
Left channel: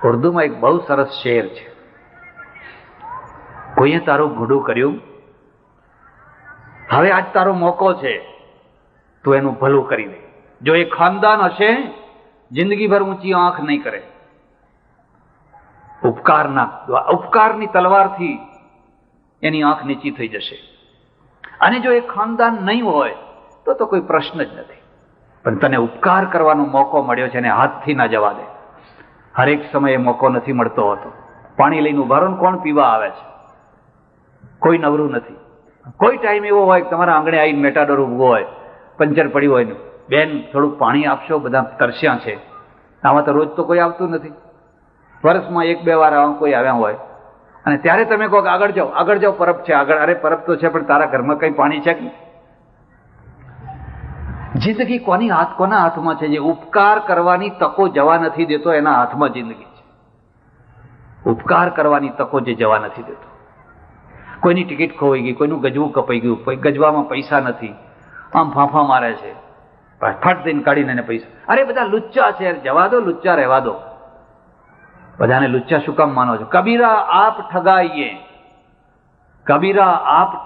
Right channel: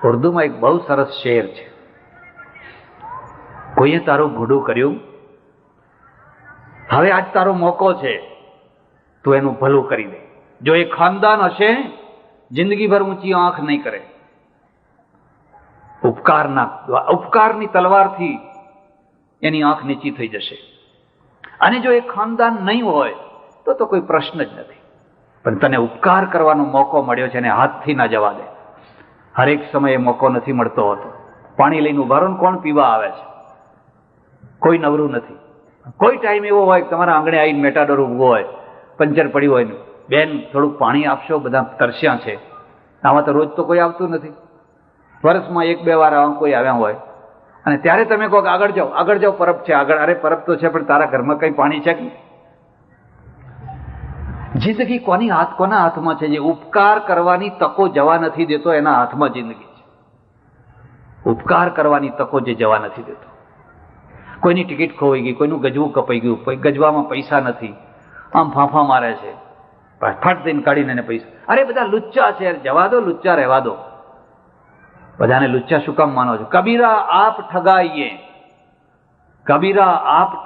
ઉર્દુમાં એક બહુ સરસ શેર છે, કોઈએ તારું ભૂડું કર્યું, હવે આજ તારો મોકો છે, તું એનું ભલું કરી દે. જો એ ખાનદાન હશે, જિંદગીભર ઊંચી આંખ નહીં કરે. ઉપકારની તલવારથી એની આંખ નીચી થઈ જશે. અને જો એ ખાનદાન નહીં હોય તો કોઈ પ્રશ્ન જ નથી. પણ તને ઉપકાર કરવાનો મોકો મળ્યો છે, એને હાથથી ના જવા દે. હરેક સમયે મોકો નથી મળતો હોતો. પાણી લઈને ઉભા રહો ને કોણ પીવા આવે છે? કોઈ નવરું નથી. કોઈ ટાઈમ એવો હોય કે તમારા આંગણે આવીને મેટાડોર ઉભો હોય, પંચર પડ્યું હોય ને, બેન થોડુંક પાણી આપશો, બધા તરસ્યા છે. આમાં તો રોજ તો કોઈ આવતું નથી. વર્ષમાં 1-2 વાર આવા કોઈ આવ્યા હોય, અને ત્યારે તમે કહો કે આગળ જાઓ, પરબ છે આગળ. અરે પરબ તો છે, પણ તારા ઘરમાં કઈ પાણી છે કે? જિંદગી કોના હાથમાં છે? જે ઉપકાર કરવાની તકો જવા નથી દેતો, એના હાથમાં જિંદગી છે. ઉપકાર કરવાની તકો જે જવા નથી દેતો. કોઈની ટિકિટ ખોવાઈ ગઈ, કોઈનું ગજવું કપાઈ ગયું, કોઈ ગજવામાં પૈસા નથી, આમ ફાંફા મારે છે, ફટ દઈને કાઢીને એને પૈસા. અરે બધા લુચ્ચા છે, જવા દો, લુચ્ચા રહેવા દો. બધાને લુચ્ચા શું કામ માનો છો? કબીરા આપ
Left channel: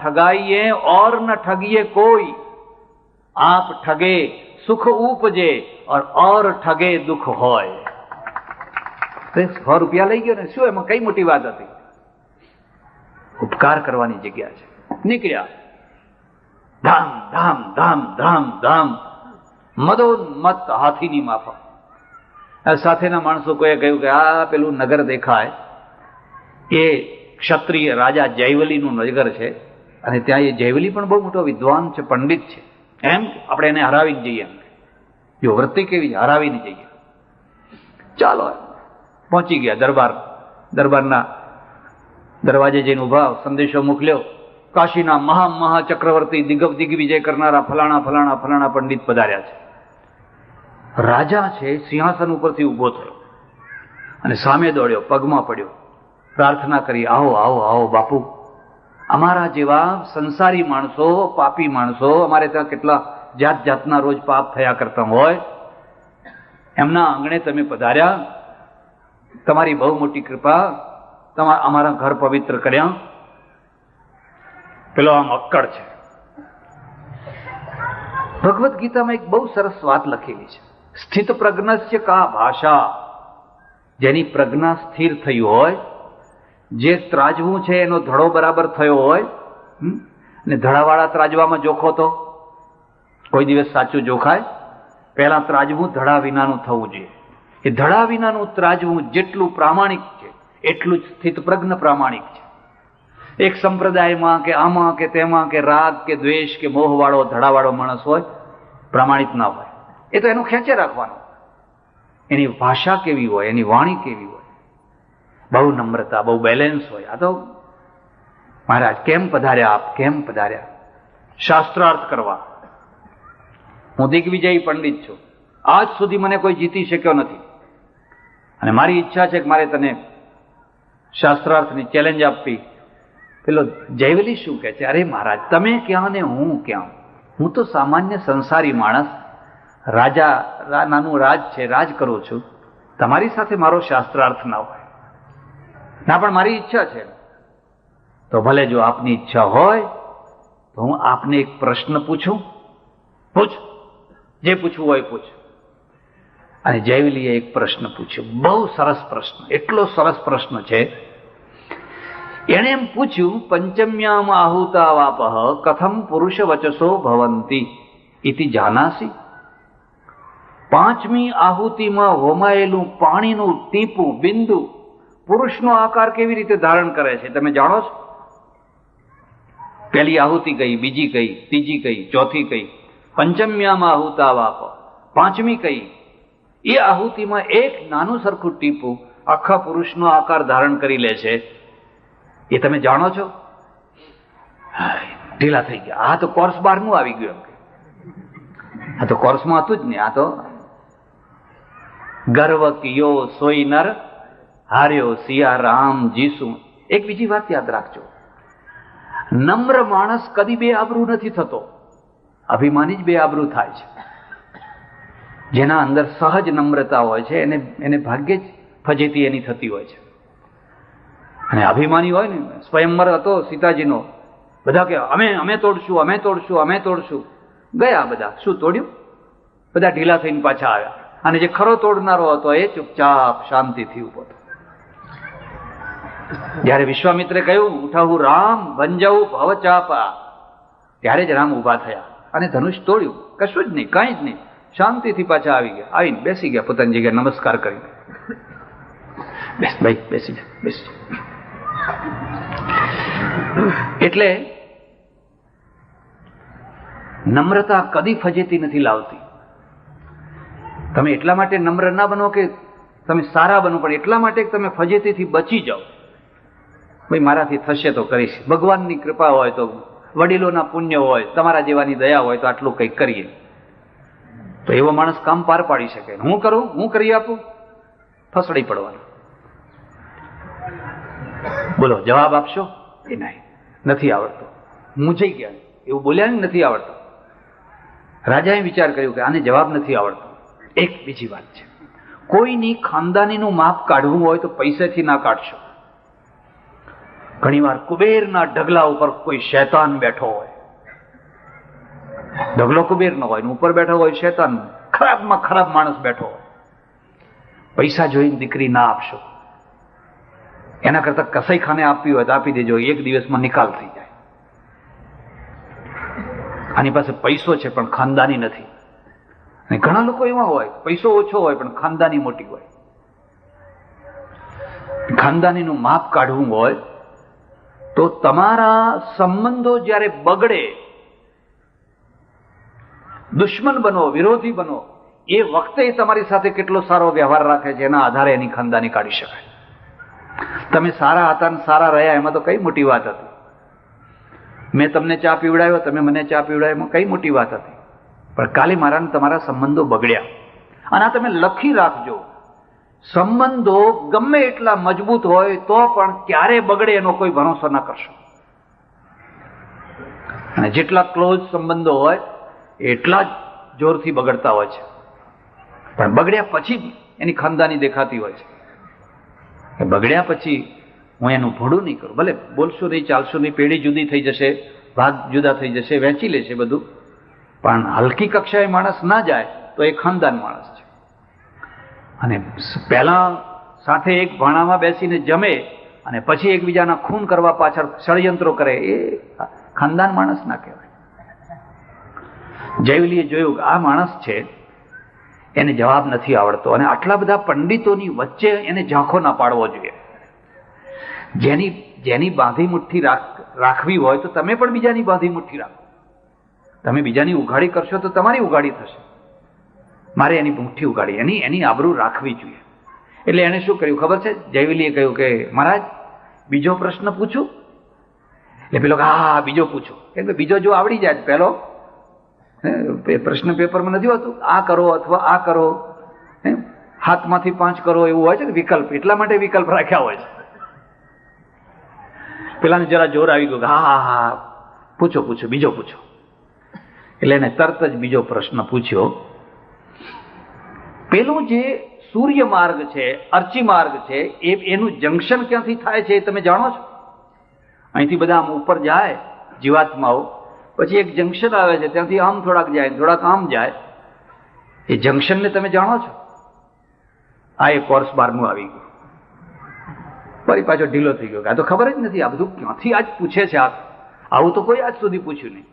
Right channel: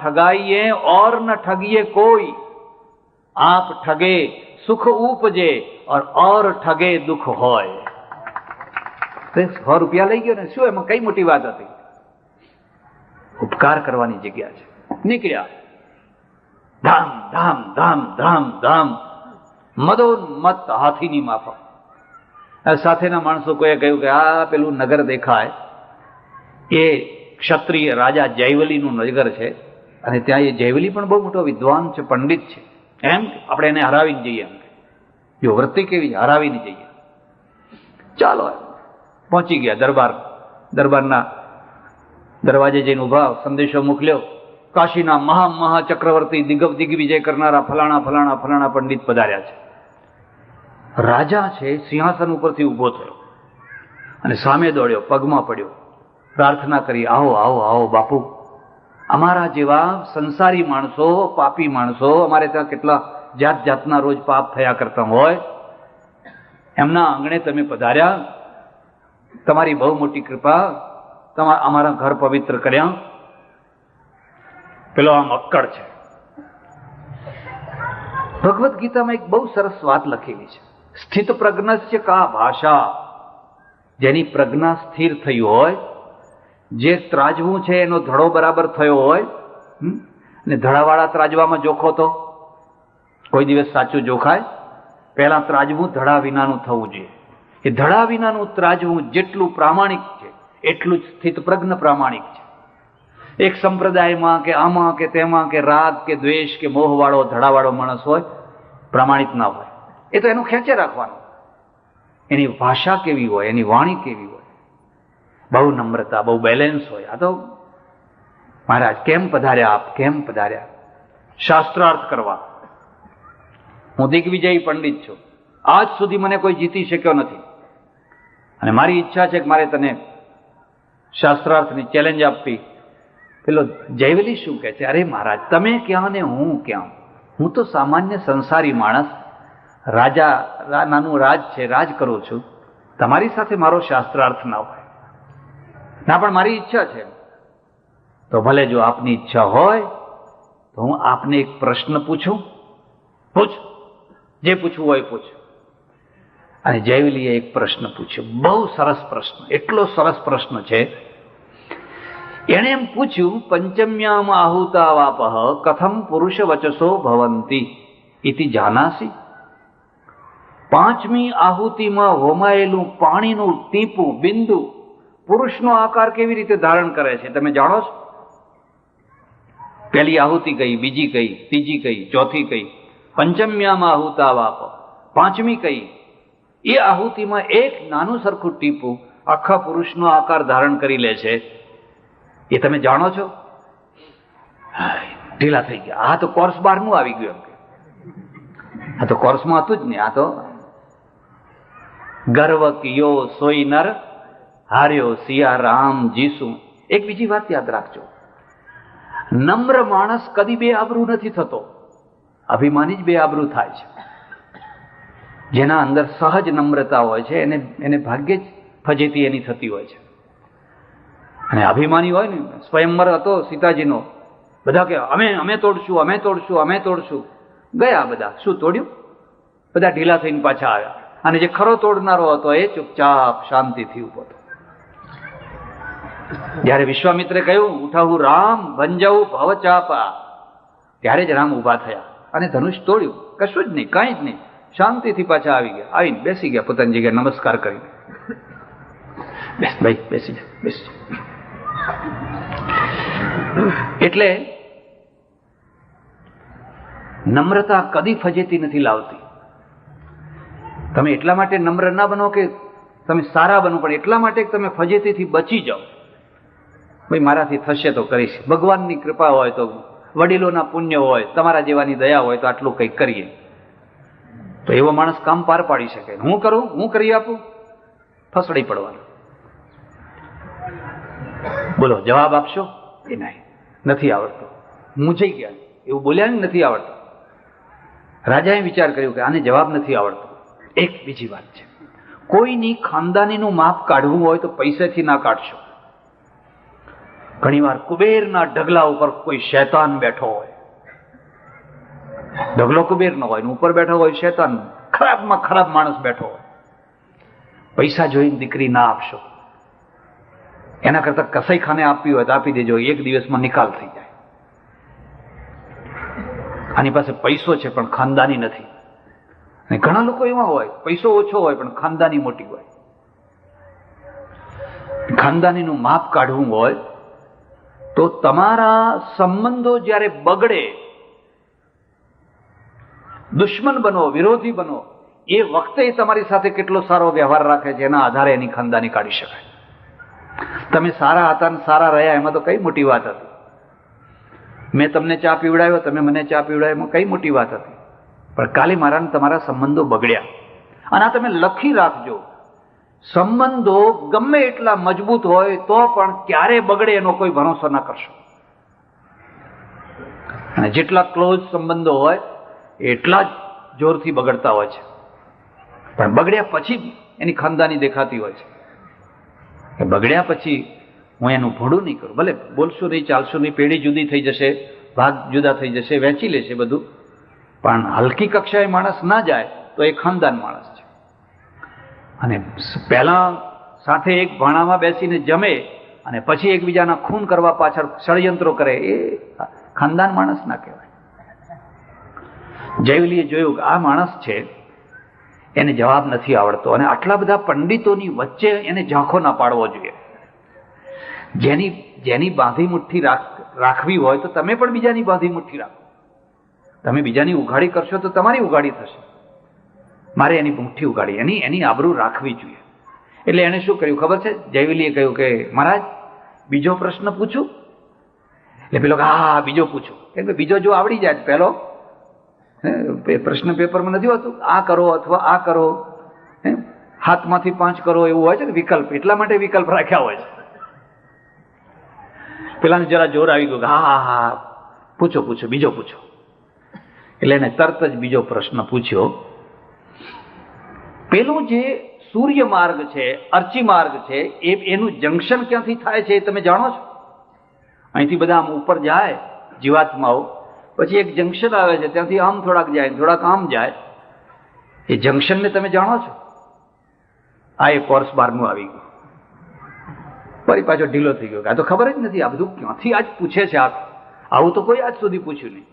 ઠગાઈએ ઓર ન ઠગીએ કોઈ. આપ ઠગે સુખ ઉપજે ઓર ઠગે દુઃખ હોય. 100 રૂપિયા લઈ ગયો ને, શું એમાં કઈ મોટી વાત હતી? ઉપકાર કરવાની જગ્યા છે. નીકળ્યા, ધામ ધામ ધામ ધામ ધામ, મદોન્મત હાથીની માફક. સાથેના માણસો કોઈએ કહ્યું કે આ પેલું નગર દેખાય એ ક્ષત્રિય રાજા જયવલીનું નગર છે, અને ત્યાં એ જયવલી પણ બહુ મોટો વિદ્વાન છે, પંડિત છે. એમ આપણે એને હરાવીને જઈએ. જો વૃત્તિ કેવી છે, હરાવીને જઈએ. ચાલો પહોંચી ગયા દરબારના દરવાજે જઈને ઉભા, સંદેશો મોકલ્યો. કાશીના મહા ચક્રવર્તી દિગ્વિજય કરનારા ફલાણા ફલાણા ફલાણા પંડિત પધાર્યા છે. રાજા છે સિંહાસન ઉપરથી ઉભો થયો અને સામે દોડ્યો, પગમાં પડ્યો, પ્રાર્થના કરી, આવો આવો આવો બાપુ, અમારા જેવા સંસારી માણસો, પાપી માણસો, અમારે ત્યાં કેટલા જાતના રોજ પાપ થયા કરતા હોય, એમના આંગણે તમે પધાર્યા, તમારી બહુ મોટી કૃપા, અમારા ઘર પવિત્ર કર્યા. પેલો આમ અક્કડ છે. ભગવદ્ ગીતામાં એક બહુ સરસ વાત લખેલી છે, સ્થિત પ્રજ્ઞસ્ય કા ભાષા. જેની પ્રજ્ઞા સ્થિર થઈ હોય, જે ત્રાજવું છે એનો ધડો બરાબર થયો હોય, ને ધડાવાળા ત્રાજવામાં જોખો તો કોઈ દિવસ સાચું જોખાય? પહેલા ત્રાજવું ધડા વિનાનું થવું જોઈએ. એ ધડા વિનાનું ત્રાજવું જેટલું પ્રામાણિક છે એટલું જ સ્થિત પ્રજ્ઞ પ્રામાણિક છે. એક સંપ્રદાયમાં કે આમાં કે તેમાં કે રાગ કે દ્વેષ કે મોહવાળો ધડાવાળો માણસ હોય, પ્રામાણિક ના હોય. એ તો એનું ખેંચે રાખવાનું. એની ભાષા કેવી હોય, એની વાણી કેવી હોય, બહુ નમ્રતા, બહુ બેલેન્સ હોય. આ તો મહારાજ કેમ પધાર્યા, આપ કેમ પધાર્યા? શાસ્ત્રાર્થ કરવા. હું દિગ્વિજયી પંડિત છું, આજ સુધી મને કોઈ જીતી શક્યો નથી, અને મારી ઈચ્છા છે કે મારે તને શાસ્ત્રાર્થની ચેલેન્જ આપવી. પેલો જયવલી શું કહે છે? અરે મહારાજ, તમે ક્યાં ને હું ક્યાં? હું તો સામાન્ય સંસારી માણસ, રાજા, નાનું રાજ છે, રાજ કરું છું. તમારી સાથે મારો શાસ્ત્રાર્થ ના હોય. ના, પણ મારી ઈચ્છા છે. તો ભલે, જો આપની ઈચ્છા હોય તો હું આપને એક પ્રશ્ન પૂછું? પૂછ, જે પૂછવું હોય પૂછ. અને જયવલીએ એક પ્રશ્ન પૂછ્યો, બહુ સરસ પ્રશ્ન, એટલો સરસ પ્રશ્ન છે. એણે એમ પૂછ્યું, પંચમ્યામ આહુતા વાપઃ કથમ પુરુષ વચસો ભવંતી ઇતિ જાનાસી. 5મી આહુતિમાં હોમાયેલું પાણીનું ટીપું, બિંદુ, પુરુષનો આકાર કેવી રીતે ધારણ કરે છે તમે જાણો છો? પહેલી આહુતિ કઈ, બીજી કઈ, ત્રીજી કઈ, ચોથી કઈ? પંચમ્યામ આહુતા વાપ, 5મી કઈ? એ આહુતિમાં એક નાનું સરખું ટીપું આખા પુરુષનો આકાર ધારણ કરી લે છે. એ તમે જાણો છો? ઢીલા થઈ ગયા. આ તો કોર્સ 12મું આવી ગયું. આ તો કોર્સમાં હતું જ ને. આ તો ગર્વ કિયો સોઈ નર હાર્યો સિયા રામ જીસુ. એક બીજી વાત યાદ રાખજો, નમ્ર માણસ કદી બે આબરૂ નથી થતો, અભિમાની જ બે આબરૂ થાય છે. જેના અંદર સહજ નમ્રતા હોય છે એને ભાગ્યે જ ફજેતી એની થતી હોય છે. અને અભિમાની હોય ને, સ્વયંવર હતો સીતાજીનો, બધા કે અમે તોડશું, અમે તોડશું, અમે તોડશું. ગયા બધા, શું તોડ્યું? બધા ઢીલા થઈને પાછા આવ્યા. અને જે ખરો તોડનારો હતો એ ચૂપચાપ શાંતિથી ઉભો હતો. જયારે વિશ્વામિત્રે કહ્યું ઉઠાવું રામ ભંજવું ભવચાપા, ત્યારે જ રામ ઉભા થયા અને ધનુષ તોડ્યું. કશું જ નહીં, કઈ જ નહીં, શાંતિથી પાછા આવી ગયા. આવીને બેસી ગયા પોતાની જગ્યાએ, નમસ્કાર કરી. બેસ ભાઈ, બેસી જા, બેસી. એટલે નમ્રતા કદી ફજેતી નથી લાવતી. તમે એટલા માટે નમ્ર ના બનો કે તમે સારા બનો, પણ એટલા માટે તમે ફજેતીથી બચી જાઓ. ભાઈ મારાથી થશે તો કરીશ, ભગવાનની કૃપા હોય તો, વડીલોના પુણ્ય હોય, તમારા જેવાની દયા હોય તો આટલું કંઈક કરીએ. તો એવો માણસ કામ પાર પાડી શકે. હું કરું, હું કરી આપું, ફસડી પડવાની. બોલો જવાબ આપશો? એ નહીં, નથી આવડતો, મૂંઝાઈ ગયા, એવું બોલ્યા ને, નથી આવડતો. રાજાએ વિચાર કર્યો કે આને જવાબ નથી આવડતો. એક બીજી વાત છે, કોઈની ખાનદાનીનું માપ કાઢવું હોય તો પૈસાથી ના કાઢશો. ઘણીવાર કુબેરના ઢગલા ઉપર કોઈ શૈતાન બેઠો હોય, ઢગલો કુબેરનો હોય ને ઉપર બેઠો હોય શૈતાન, ખરાબમાં ખરાબ માણસ બેઠો હોય. પૈસા જોઈને દીકરી ના આપશો. એના કરતા કસાઈ ખાને આપવી હોય તો આપી દેજો, એક દિવસમાં નિકાલ થઈ જાય. આની પાસે પૈસો છે પણ ખાનદાની નથી. અને ઘણા લોકો એવા હોય, પૈસો ઓછો હોય પણ ખાનદાની મોટી હોય. ખાનદાનીનું માપ કાઢવું હોય તો તમારા સંબંધો જ્યારે બગડે, દુશ્મન બનો, વિરોધી બનો, એ વખતે તમારી સાથે કેટલો સારો વ્યવહાર રાખે છે એના આધારે એની ખાનદાની કાઢી શકાય. તમે સારા હતા ને સારા રહ્યા એમાં તો કઈ મોટી વાત હતી? મેં તમને ચા પીવડાવ્યો, તમે મને ચા પીવડાવ્યો, એમાં કઈ મોટી વાત હતી? પણ કાલે મારા ને તમારા સંબંધો બગડ્યા. અને આ તમે લખી રાખજો, સંબંધો ગમે એટલા મજબૂત હોય તો પણ ક્યારે બગડે એનો કોઈ ભરોસો ના કરશો. અને જેટલા ક્લોઝ સંબંધો હોય એટલા જ જોરથી બગડતા હોય છે. પણ બગડ્યા પછી એની ખાનદાની દેખાતી હોય છે. બગડ્યા પછી હું એનું ભોળું નહીં કરું. ભલે બોલશું નહીં, ચાલશું નહીં, પેઢી જુદી થઈ જશે, ભાગ જુદા થઈ જશે, વહેંચી લેશે બધું, પણ હલકી કક્ષાએ માણસ ના જાય તો એ ખાનદાન માણસ છે. અને પહેલા સાથે એક ભાણામાં બેસીને જમે અને પછી એકબીજાના ખૂન કરવા પાછળ ષડયંત્રો કરે, એ ખાનદાન માણસ ના કહેવાય. જયવલીએ જોયું કે આ માણસ છે એને જવાબ નથી આવડતો, અને આટલા બધા પંડિતોની વચ્ચે એને ઝાંખો ના પાડવો જોઈએ. જેની બાંધી મુઠ્ઠી રાખવી હોય તો તમે પણ બીજાની બાંધી મુઠ્ઠી રાખો. તમે બીજાની ઉઘાડી કરશો તો તમારી ઉઘાડી થશે. મારે એની મુઠ્ઠી ઉઘાડી, એની આબરૂ રાખવી જોઈએ. એટલે એને શું કર્યું ખબર છે? જયવલીએ કહ્યું કે મહારાજ બીજો પ્રશ્ન પૂછું? એટલે પેલો હા બીજો પૂછો. કેમ કે બીજો જો આવડી જાય, પેલો પ્રશ્ન પેપરમાં નથી હોતું આ કરો અથવા આ કરો, હાથમાંથી 5 કરો એવું હોય છે ને વિકલ્પ, એટલા માટે વિકલ્પ રાખ્યા હોય છે. પેલાને જરા જોર આવી ગયું, હા હા પૂછો પૂછો, બીજો પૂછો. એટલે એને તરત જ બીજો પ્રશ્ન પૂછ્યો. પેલું જે સૂર્ય માર્ગ છે, અર્ચી માર્ગ છે, એનું જંકશન ક્યાંથી થાય છે એ તમે જાણો છો? અહીંથી બધા આમ ઉપર જાય જીવાત્માઓ, પછી એક જંકશન આવે છે, ત્યાંથી આમ થોડાક જાય, થોડાક આમ જાય. એ જંકશનને તમે જાણો છો? આ એક કોર્સ 12મું આવી ગયું, ફરી પાછો ઢીલો થઈ ગયો. આ તો ખબર જ નથી, આ બધું ક્યાંથી આજ પૂછે છે. આવું તો કોઈ આજ સુધી પૂછ્યું નહીં.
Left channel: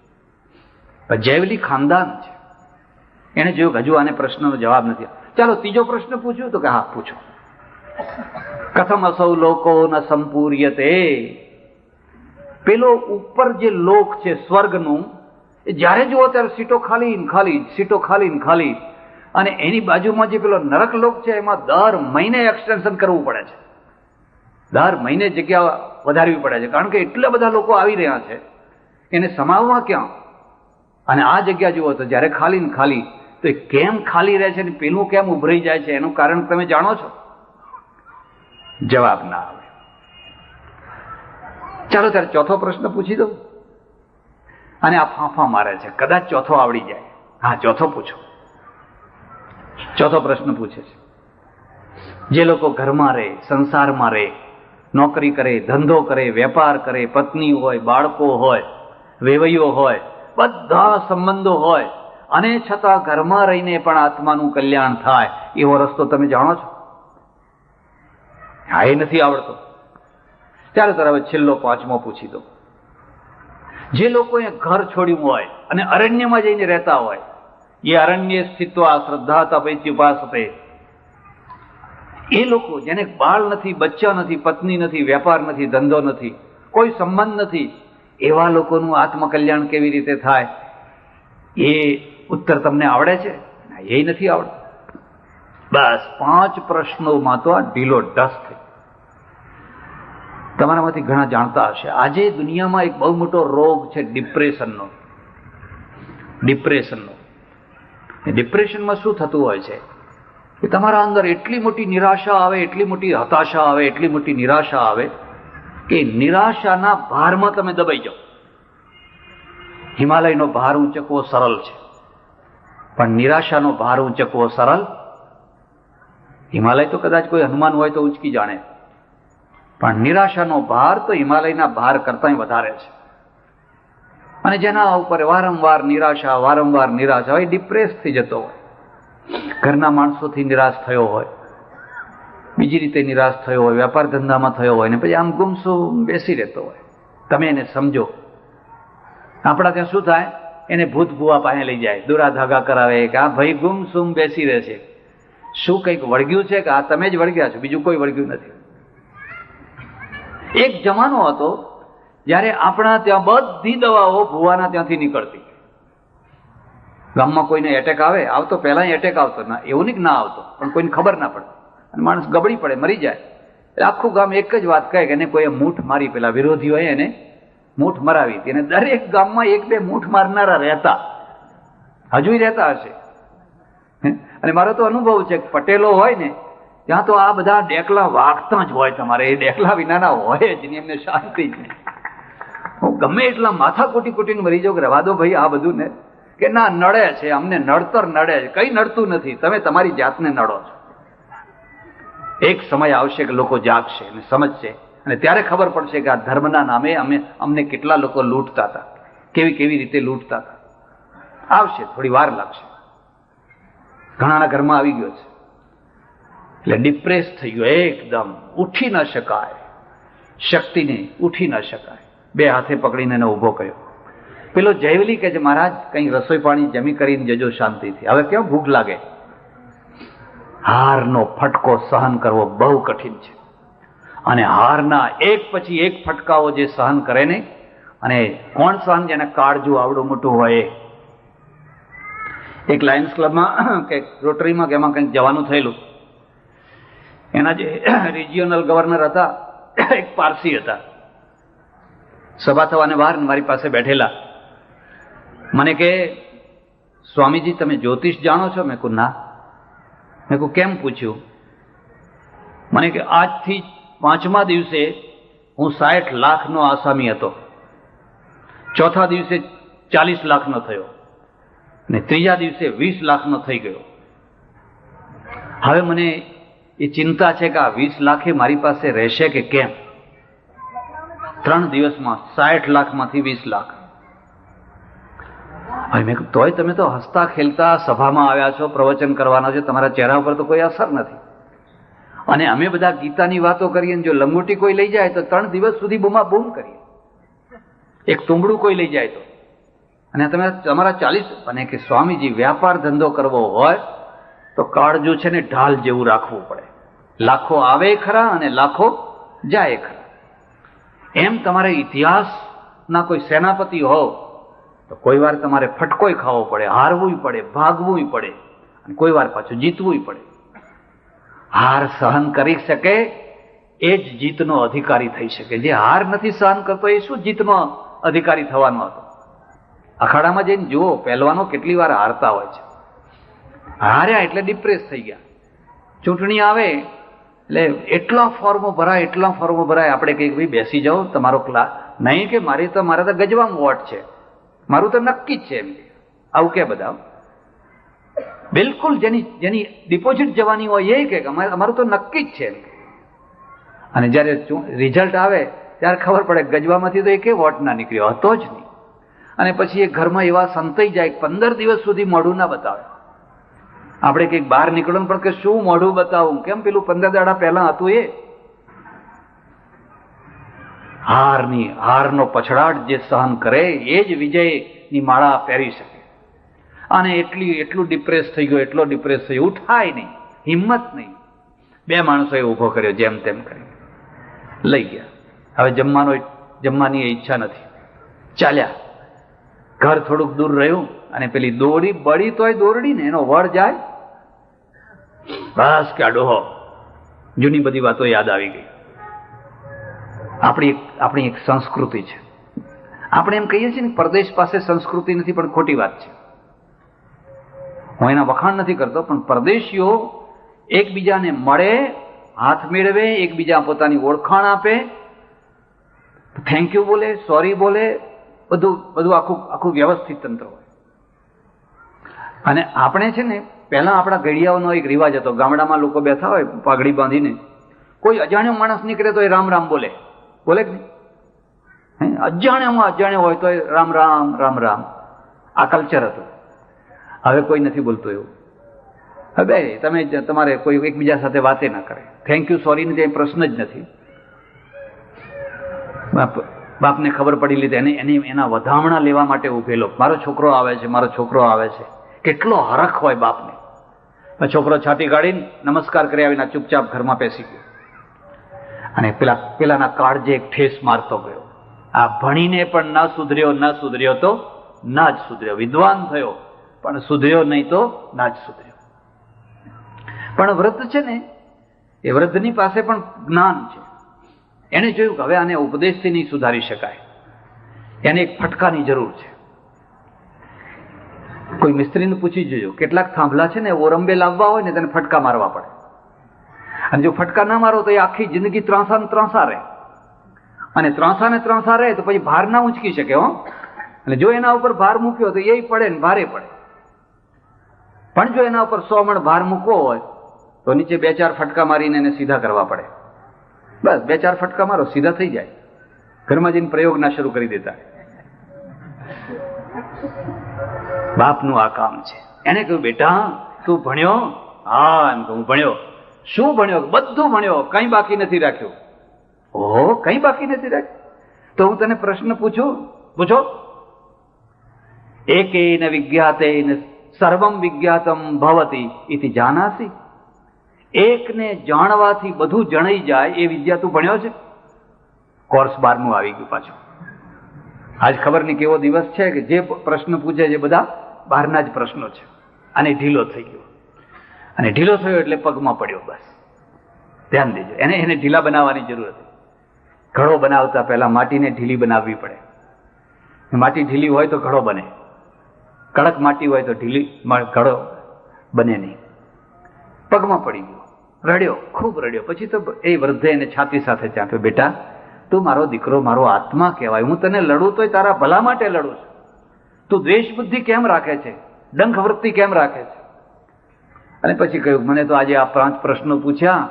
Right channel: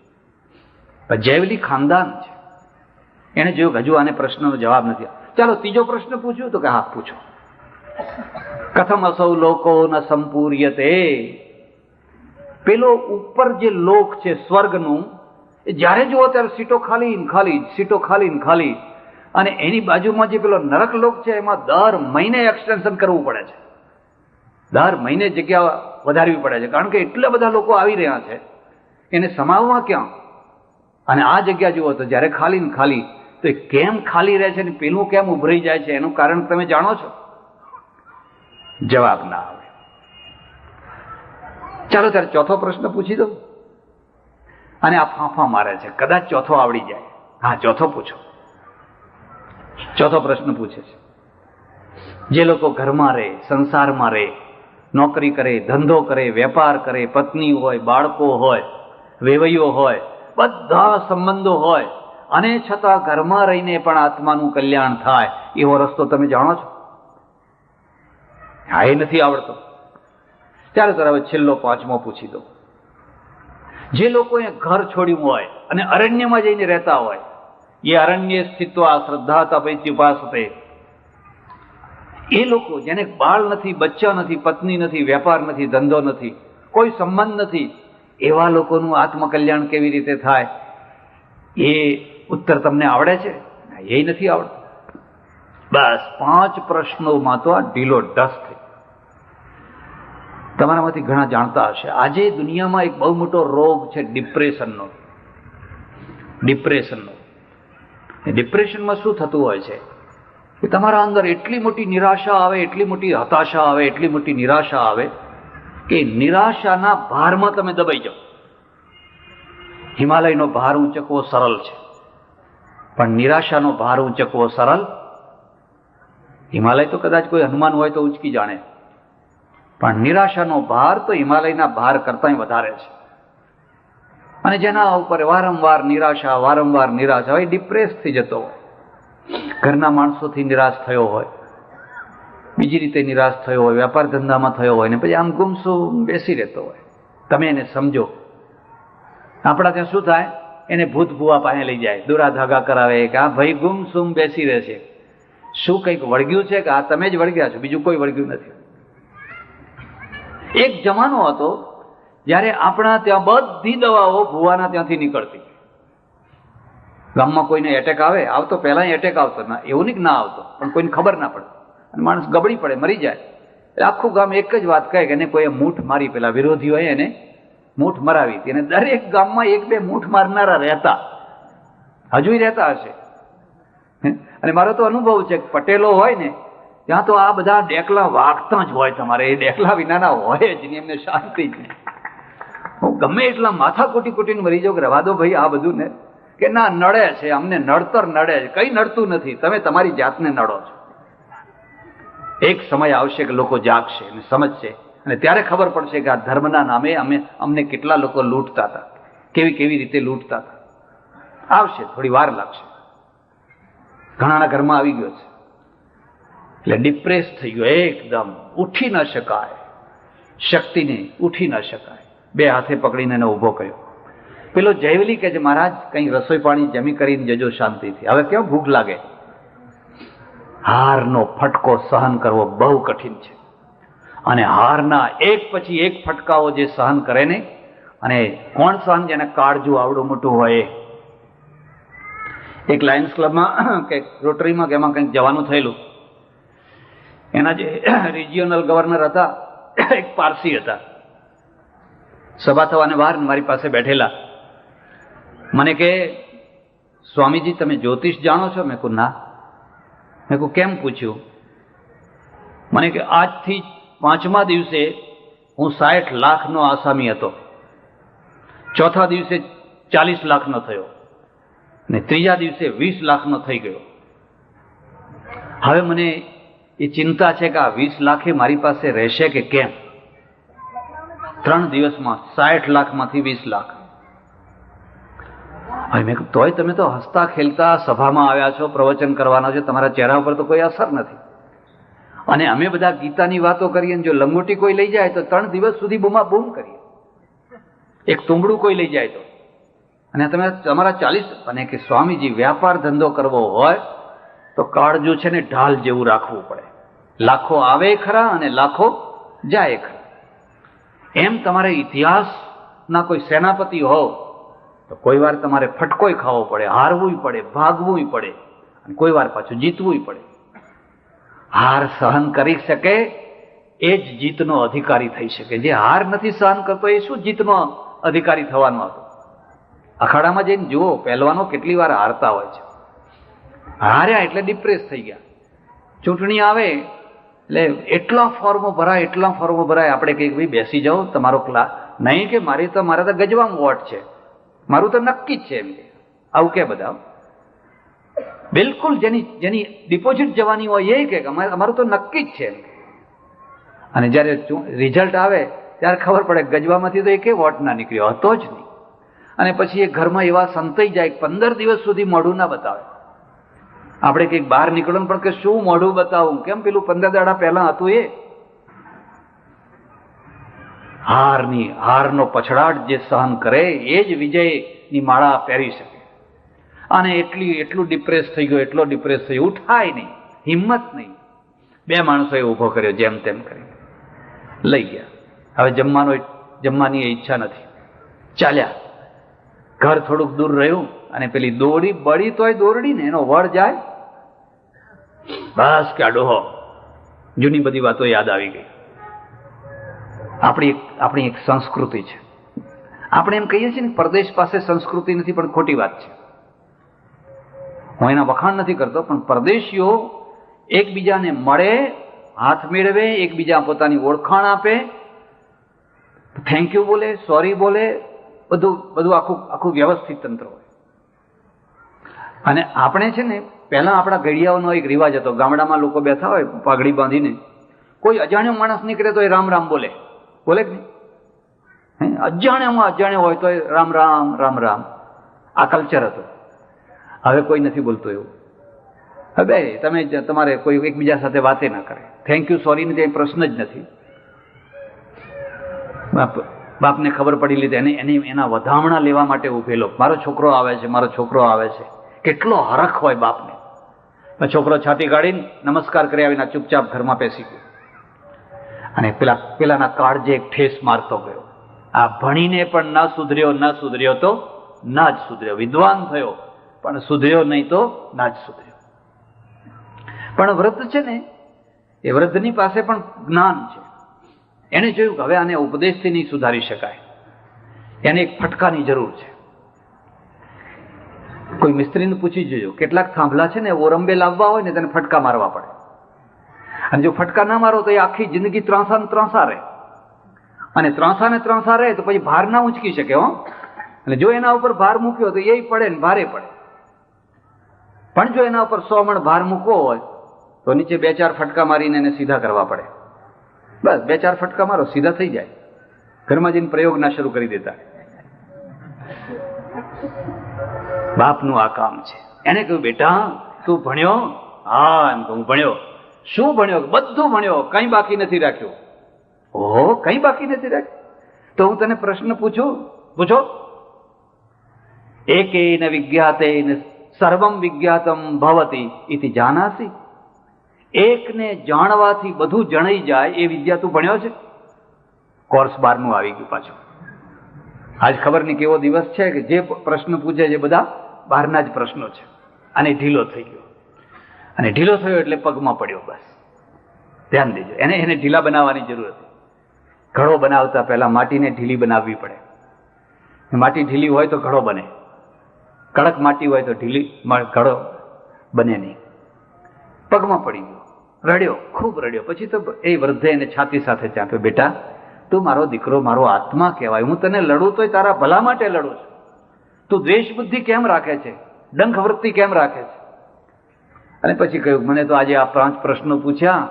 જયવલી ખાનદાન છે, એને જોયું હજુ આને પ્રશ્નનો જવાબ નથી. ચાલો ત્રીજો પ્રશ્ન પૂછ્યું તો કે હા પૂછો. કથમ અસૌ લોકો ન સંપૂર્યતે. પેલો ઉપર જે લોક છે સ્વર્ગનું, જ્યારે જુઓ ત્યારે સીટો ખાલી ખાલી, સીટો ખાલી ખાલી. અને એની બાજુમાં જે પેલો નરક લોક છે એમાં દર મહિને એક્સટેન્શન કરવું પડે છે, દર મહિને જગ્યા વધારવી પડે છે, કારણ કે એટલા બધા લોકો આવી રહ્યા છે એને સમાવવા ક્યાં. અને આ જગ્યા જુઓ તો જ્યારે ખાલી ને ખાલી, તો એ કેમ ખાલી રહે છે ને પેલું કેમ ઉભરાઈ જાય છે એનું કારણ તમે જાણો છો? જવાબ ના આવે. ચાલો ત્યારે ચોથો પ્રશ્ન પૂછી દઉં. અને આ ફાંફા મારે છે, કદાચ ચોથો આવડી જાય. હા ચોથો પૂછો. ચોથો પ્રશ્ન પૂછે છે, જે લોકો ઘરમાં રહે, સંસારમાં રહે, નોકરી કરે, ધંધો કરે, વેપાર કરે, પત્ની હોય, બાળકો હોય, વેવૈયો હોય, બધા સંબંધો હોય, અને છતાં ઘરમાં રહીને પણ આત્માનું કલ્યાણ થાય એવો રસ્તો તમે જાણો છો? હા, એ નથી આવડતો. ત્યારે હવે છેલ્લો પાંચમો પૂછી દો. જે લોકોએ ઘર છોડ્યું હોય અને અરણ્યમાં જઈને રહેતા હોય, એ અરણ્ય સ્થિત્વા શ્રદ્ધા તપેત્યુપાસતે, એ લોકો જેને બાળ નથી, બચ્ચા નથી, પત્ની નથી, વેપાર નથી, ધંધો નથી, કોઈ સંબંધ નથી, એવા લોકોનું આત્મકલ્યાણ કેવી રીતે થાય? એ ઉત્તર તમને આવડે છે? એ નથી આવડતું. બસ 5 પ્રશ્નોમાં તો આ ઢીલો ઢસ થઈ. તમારામાંથી ઘણા જાણતા હશે, આજે દુનિયામાં એક બહુ મોટો રોગ છે ડિપ્રેશનનો. એ ડિપ્રેશનમાં શું થતું હોય છે કે તમારા અંદર એટલી મોટી નિરાશા આવે, એટલી મોટી હતાશા આવે, એટલી મોટી નિરાશા આવે કે નિરાશાના ભારમાં તમે દબાઈ જાઓ. હિમાલયનો ભાર ઊંચકવો સરળ છે, પણ નિરાશાનો ભાર ઊંચકવો સરળ? હિમાલય તો કદાચ કોઈ હનુમાન હોય તો ઊંચકી જાણે, પણ નિરાશાનો ભાર તો હિમાલયના ભાર કરતાં વધારે છે. અને જેના ઉપર વારંવાર નિરાશા હોય, ડિપ્રેસ થઈ જતો હોય. ઘરના માણસોથી નિરાશ થયો હોય, બીજી રીતે નિરાશ થયો હોય, વેપાર ધંધામાં થયો હોય, ને પછી આમ ગુમસુમ બેસી રહેતો હોય. તમે એને સમજો. આપણા ત્યાં શું થાય? એને ભૂત ભુવા પાસે લઈ જાય, દોરા ધાગા કરાવે કે આ ભાઈ ગુમસુમ બેસી રહે છે. શું કંઈક વળગ્યું છે કે આ તમે જ વળગ્યા છો, બીજું કોઈ વળગ્યું નથી. એક જમાનો હતો જ્યારે આપણા ત્યાં બધી દવાઓ ભુવાના ત્યાંથી નીકળતી. ગામમાં કોઈને એટેક આવતો, પહેલા એટેક આવતો ના, એવું નહીં કે ના આવતો, પણ કોઈને ખબર ના પડે અને માણસ ગબડી પડે, મરી જાય. આખું ગામ એક જ વાત કહે કે એને કોઈએ મૂઠ મારી, પેલા વિરોધીઓએ એને મૂઠ મરાવી હતી. અને દરેક ગામમાં 1-2 મૂઠ મારનારા રહેતા, હજુ રહેતા હશે. અને મારો તો અનુભવ છે, પટેલો હોય ને ત્યાં તો આ બધા ડેકલા વાગતા જ હોય. તમારે એ ડેકલા વિનાના હોય જ નહીં, એમને શાંતિ જ નહીં. હું ગમે એટલા માથા કૂટીને મરી જાઉં કે રવા દો ભાઈ આ બધું ને, કે ના નડે છે, અમને નડતર નડે છે. કઈ નડતું નથી, તમે તમારી જાતને નડો છો. એક સમય આવશે કે લોકો જાગશે અને સમજશે, અને ત્યારે ખબર પડશે કે આ ધર્મના નામે અમને કેટલા લોકો લૂંટતા હતા, કેવી રીતે લૂંટતા હતા. આવશે, થોડી વાર લાગશે. ઘણાના ઘરમાં આવી ગયો છે. એટલે ડિપ્રેસ થઈ ગયો એકદમ, ઉઠી ન શકાય, શક્તિને ઉઠી ન શકાય. 2 હાથે પકડીને એને ઊભો કર્યો. પેલો જયવલી કે છે, મહારાજ કંઈ રસોઈ પાણી જમી કરીને જજો શાંતિથી, હવે કેમ ભૂખ લાગે. હારનો ફટકો સહન કરવો બહુ કઠિન છે, અને હારના એક પછી એક ફટકાઓ જે સહન કરે ને, અને કોણ સહન? જેને કાળજું આવડું મોટું હોય. એક લાયન્સ ક્લબમાં કે રોટરીમાં કે એમાં કંઈક જવાનું થયેલું. એના જે રિજિયોનલ ગવર્નર હતા, એક પારસી હતા. સભા થવાને બહાર મારી પાસે બેઠેલા. મને કે, સ્વામીજી તમે જ્યોતિષ જાણો છો? મેં કહ્યું ના. મેં કહ્યું કેમ પૂછ્યું? મને કે આજથી 5મા દિવસે હું 60 લાખનો આસામી હતો, 4થા દિવસે 40 લાખનો થયો, ને 3જા દિવસે 20 લાખનો થઈ ગયો. હવે મને એ ચિંતા છે કે આ 20 લાખે મારી પાસે રહેશે કે કેમ? 3 દિવસમાં 60 લાખમાંથી 20 લાખ. હવે મેં તોય તમે તો હસતા ખેલતા સભામાં આવ્યા છો, પ્રવચન કરવાના છો, તમારા ચહેરા ઉપર તો કોઈ અસર નથી. અને અમે બધા ગીતાની વાતો કરીએ, જો લંગોટી કોઈ લઈ જાય તો 3 દિવસ સુધી બૂમા બૂમ કરીએ. એક તુંબડું કોઈ લઈ જાય તો, અને તમે તમારા 40. અને કે સ્વામીજી વ્યાપાર ધંધો કરવો હોય તો કાળજું છે ને ઢાલ જેવું રાખવું પડે. લાખો આવે ખરા અને લાખો જાય ખરા. એમ તમારે ઇતિહાસના કોઈ સેનાપતિ હોવ તો કોઈ વાર તમારે ફટકોય ખાવો પડે, હારવું પડે, ભાગવું પડે, અને કોઈ વાર પાછું જીતવું પડે. હાર સહન કરી શકે એ જ જીતનો અધિકારી થઈ શકે. જે હાર નથી સહન કરતો એ શું જીતનો અધિકારી થવાનો હતો? અખાડામાં જઈને જુઓ, પહેલવાનો કેટલી વાર હારતા હોય છે. હાર્યા એટલે ડિપ્રેસ થઈ ગયા. ચૂંટણી આવે એટલે એટલા ફોર્મો ભરાય, આપણે કહીએ ભાઈ બેસી જાઓ તમારો ક્લાસ. નહીં કે મારે તો ગજવામાં વોટ છે, મારું તો નક્કી જ છે. એમ આવું કે બધા બિલકુલ જેની ડિપોઝિટ જવાની હોય એ કે અમારું તો નક્કી જ છે. અને જ્યારે રિઝલ્ટ આવે ત્યારે ખબર પડે ગજવામાંથી તો એકે વોટ ના નીકળ્યો હતો જ નહીં. અને પછી એ ઘરમાં એવા સંતાઈ જાય 15 દિવસ સુધી મોઢું ના બતાવે. આપણે કંઈક બહાર નીકળવાનું પણ કે શું મોઢું બતાવું, કેમ પેલું 15 દાડા પહેલા હતું એ હારનો પછડાટ જે સહન કરે એ જ વિજયની માળા પહેરી શકે. અને એટલું ડિપ્રેસ થઈ ગયો, એટલો ડિપ્રેસ થયો, ઉઠાય નહીં, હિંમત નહીં. 2 માણસોએ ઊભો કર્યો, જેમ તેમ કરી લઈ ગયા. હવે જમવાની ઈચ્છા નથી, ચાલ્યા. ઘર થોડુંક દૂર રહ્યું અને પેલી દોડી બળી તોય દોરડી ને એનો વળ જાય. બસ કે ડોહો જૂની બધી વાતો યાદ આવી ગઈ. આપણી એક સંસ્કૃતિ છે. આપણે એમ કહીએ છીએ ને પરદેશ પાસે સંસ્કૃતિ નથી, પણ ખોટી વાત છે. હું એના વખાણ નથી કરતો, પણ પરદેશીઓ એકબીજાને મળે, હાથ મેળવે, એકબીજા પોતાની ઓળખાણ આપે, થેન્ક યુ બોલે, સોરી બોલે, બધું આખું વ્યવસ્થિત તંત્ર. અને આપણે છે ને પહેલા આપણા ઘડિયાઓનો એક રિવાજ હતો. ગામડામાં લોકો બેઠા હોય પાઘડી બાંધીને, કોઈ અજાણ્યો માણસ નીકળે તો એ રામ રામ બોલે અજાણ્યો હોય તો રામ રામ રામ રામ. આ કલ્ચર હતું. હવે કોઈ નથી બોલતું એવું. હવે તમારે કોઈ એકબીજા સાથે વાતે ના કરે. થેન્ક યુ સોરી ની પ્રશ્ન જ નથી. બાપને ખબર પડી લીધી, એના વધામણા લેવા માટે ઉભેલો. મારો છોકરો આવે છે, મારો છોકરો આવે છે. કેટલો હરખ હોય બાપને. છોકરો છાતી કાઢીને નમસ્કાર કરી આવીને ચૂપચાપ ઘરમાં બેસી ગયો. અને પેલાના કાળજે એક ઠેસ મારતો ગયો. આ ભણીને પણ ન સુધર્યો તો ના જ સુધર્યો. વિદ્વાન થયો પણ સુધર્યો નહીં તો ના જ સુધર્યો. પણ વૃદ્ધ છે ને, એ વૃદ્ધની પાસે પણ જ્ઞાન છે. એને જોયું કે હવે આને ઉપદેશથી નહીં સુધારી શકાય, એને એક ફટકાની જરૂર છે. કોઈ મિસ્ત્રીને પૂછી જોજો, કેટલાક થાંભલા છે ને ઓરંબે લાવવા હોય ને તેને ફટકા મારવા પડે. અને જો ફટકા ના મારો તો એ આખી જિંદગી ત્રાંસા ને ત્રાંસા રહે. અને ત્રાંસા ને ત્રાંસા રહે તો પછી ભાર ના ઊંચકી શકે. અને જો એના ઉપર ભાર મૂક્યો તો એ પડે ને ભારે પડે. પણ જો એના ઉપર 100 મણ ભાર મૂકવો હોય તો નીચે 2-4 ફટકા મારીને એને સીધા કરવા પડે. બસ 2-4 ફટકા મારો, સીધા થઈ જાય. ઘરમાં જઈને પ્રયોગ ના શરૂ કરી દેતા. બાપનું આ કામ છે. એને કહ્યું, બેટા તું ભણ્યો? હા, એમ તો હું ભણ્યો. શું ભણ્યો? બધું ભણ્યો, કઈ બાકી નથી રાખ્યું. ઓહો, કઈ બાકી નથી રાખ્યું? તો હું તને પ્રશ્ન પૂછો. એકેન વિજ્ઞાતેન સર્વમ વિજ્ઞાતમ ભવતી ઇતિ જાનાસી. એકને જાણવાથી બધું જણાઈ જાય એ વિદ્યા તું ભણ્યો છે? કોર્સ 12નું આવી ગયું પાછું. આજ ખબર નહીં કેવો દિવસ છે કે જે પ્રશ્ન પૂછે છે બધા બહારના જ પ્રશ્નો છે. અને ઢીલો થઈ ગયો. અને ઢીલો થયો એટલે પગમાં પડ્યો. બસ ધ્યાન દેજો. એને ઢીલા બનાવવાની જરૂર હતી. ઘડો બનાવતા પહેલા માટીને ઢીલી બનાવવી પડે. માટી ઢીલી હોય તો ઘડો બને, કડક માટી હોય તો ઘડો બને નહીં. પગમાં પડી ગયો, રડ્યો, ખૂબ રડ્યો. પછી તો એ વૃદ્ધે એને છાતી સાથે ચાંપ્યો, બેટા તું મારો દીકરો, મારો આત્મા કહેવાય. હું તને લડું તોય તારા ભલા માટે લડું છું. તું દ્વેષ બુદ્ધિ કેમ રાખે છે, ડંખ વૃત્તિ કેમ રાખે છે? અને પછી કહ્યું, મને તો આજે આ 5 પ્રશ્નો પૂછ્યા,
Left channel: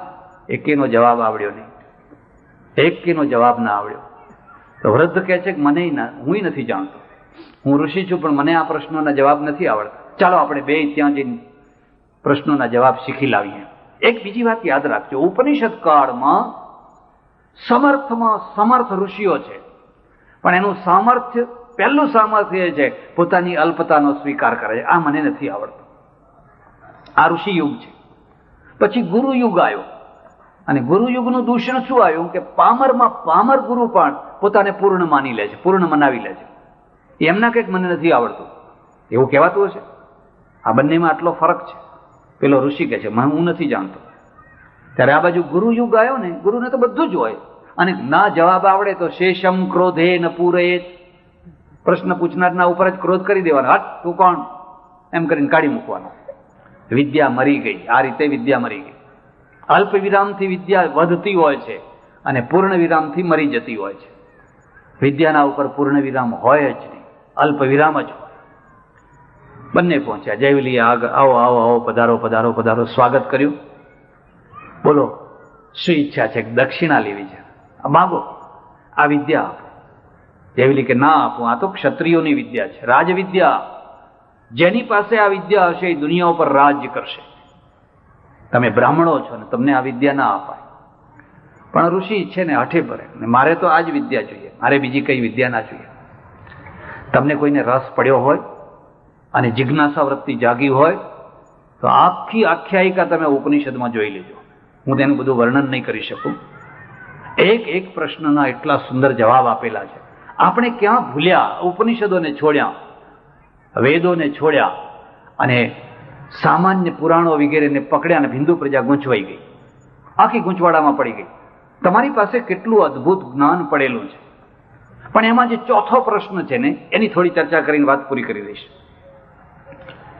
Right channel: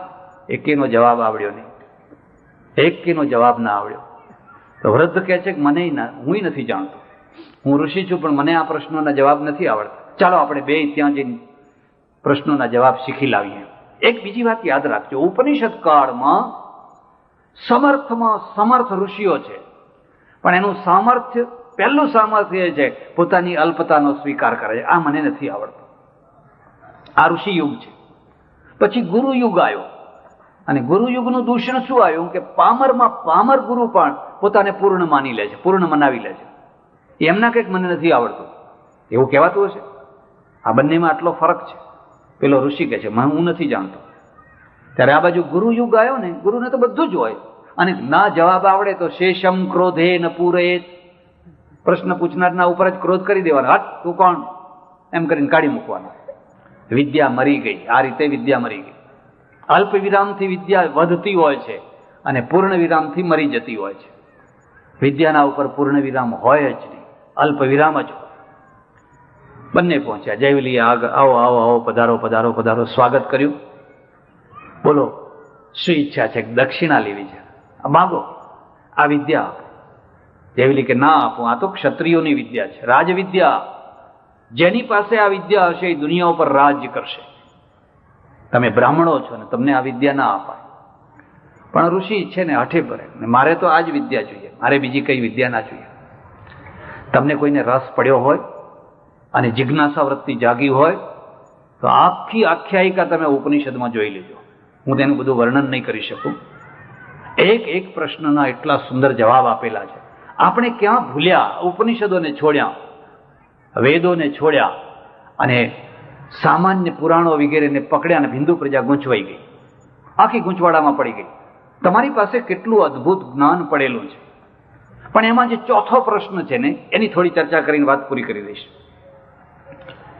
એકેનો જવાબ આવડ્યો નહીં. એકેનો જવાબ ના આવડ્યો. તો વૃદ્ધ કહે છે કે હું નથી જાણતો. હું ઋષિ છું પણ મને આ પ્રશ્નોના જવાબ નથી આવડતા. ચાલો આપણે 2 ત્યાં જઈને પ્રશ્નોના જવાબ શીખી લાવીએ. એક બીજી વાત યાદ રાખજો, ઉપનિષદ કાળમાં સમર્થમાં સમર્થ ઋષિઓ છે, પણ એનું સામર્થ્ય, પહેલું સામર્થ્ય એ છે પોતાની અલ્પતાનો સ્વીકાર કરે છે. આ મને નથી આવડતું. આ ઋષિ યુગ છે. પછી ગુરુ યુગ આવ્યો. અને ગુરુ યુગનું દૂષણ શું આવ્યું કે પામર ગુરુ પણ પોતાને પૂર્ણ માની લે છે, પૂર્ણ મનાવી લે છે. એમના કંઈક મને નથી આવડતું એવું કહેવાતું હશે. આ બંનેમાં આટલો ફરક છે. પેલો ઋષિ કહે છે હું નથી જાણતો. ત્યારે આ બાજુ ગુરુ યુગ આવ્યો ને, ગુરુને તો બધું જ હોય. અને ના જવાબ આવડે તો શેષમ ક્રોધે ન પૂરે, પ્રશ્ન પૂછનારના ઉપર જ ક્રોધ કરી દેવાનો. હટ તું કોણ, એમ કરીને કાઢી મૂકવાનો. વિદ્યા મરી ગઈ. આ રીતે વિદ્યા મરી ગઈ. અલ્પ વિરામથી વિદ્યા વધતી હોય છે અને પૂર્ણ વિરામથી મરી જતી હોય છે. વિદ્યાના ઉપર પૂર્ણ વિરામ હોય જ નહીં, અલ્પ વિરામ જ હોય. બંને પહોંચ્યા. જયવલીએ આવો આવો આવો, પધારો પધારો પધારો, સ્વાગત કર્યું. બોલો શું ઈચ્છા છે? દક્ષિણા લેવી છે, માગો આ વિદ્યા. જેવી કે ના આપું, આ તો ક્ષત્રિયોની વિદ્યા છે, રાજવિદ્યા. જેની પાસે આ વિદ્યા હશે એ દુનિયા ઉપર રાજ્ય કરશે. તમે બ્રાહ્મણો છો ને તમને આ વિદ્યા ના આપા. પણ ઋષિ છે ને હઠે પડે, મારે તો આ જ વિદ્યા જોઈએ, મારે બીજી કઈ વિદ્યા ના જોઈએ. તમને કોઈને રસ પડ્યો હોય અને જિજ્ઞાસા વૃત્તિ જાગી હોય તો આખી આખ્યાયિકા તમે ઉપનિષદમાં જોઈ લેજો. હું તેનું બધું વર્ણન નહીં કરી શકું. એક એક પ્રશ્નના એટલા સુંદર જવાબ આપેલા છે. આપણે ક્યાં ભૂલ્યા? ઉપનિષદોને છોડ્યા, વેદોને છોડ્યા અને સામાન્ય પુરાણો વગેરેને પકડ્યા અને હિન્દુ પ્રજા ગૂંચવાઈ ગઈ, આખી ગૂંચવાડામાં પડી ગઈ. તમારી પાસે કેટલું અદ્ભુત જ્ઞાન પડેલું છે, પણ એમાં જે ચોથો પ્રશ્ન છે ને એની થોડી ચર્ચા કરીને વાત પૂરી કરી દઈશ.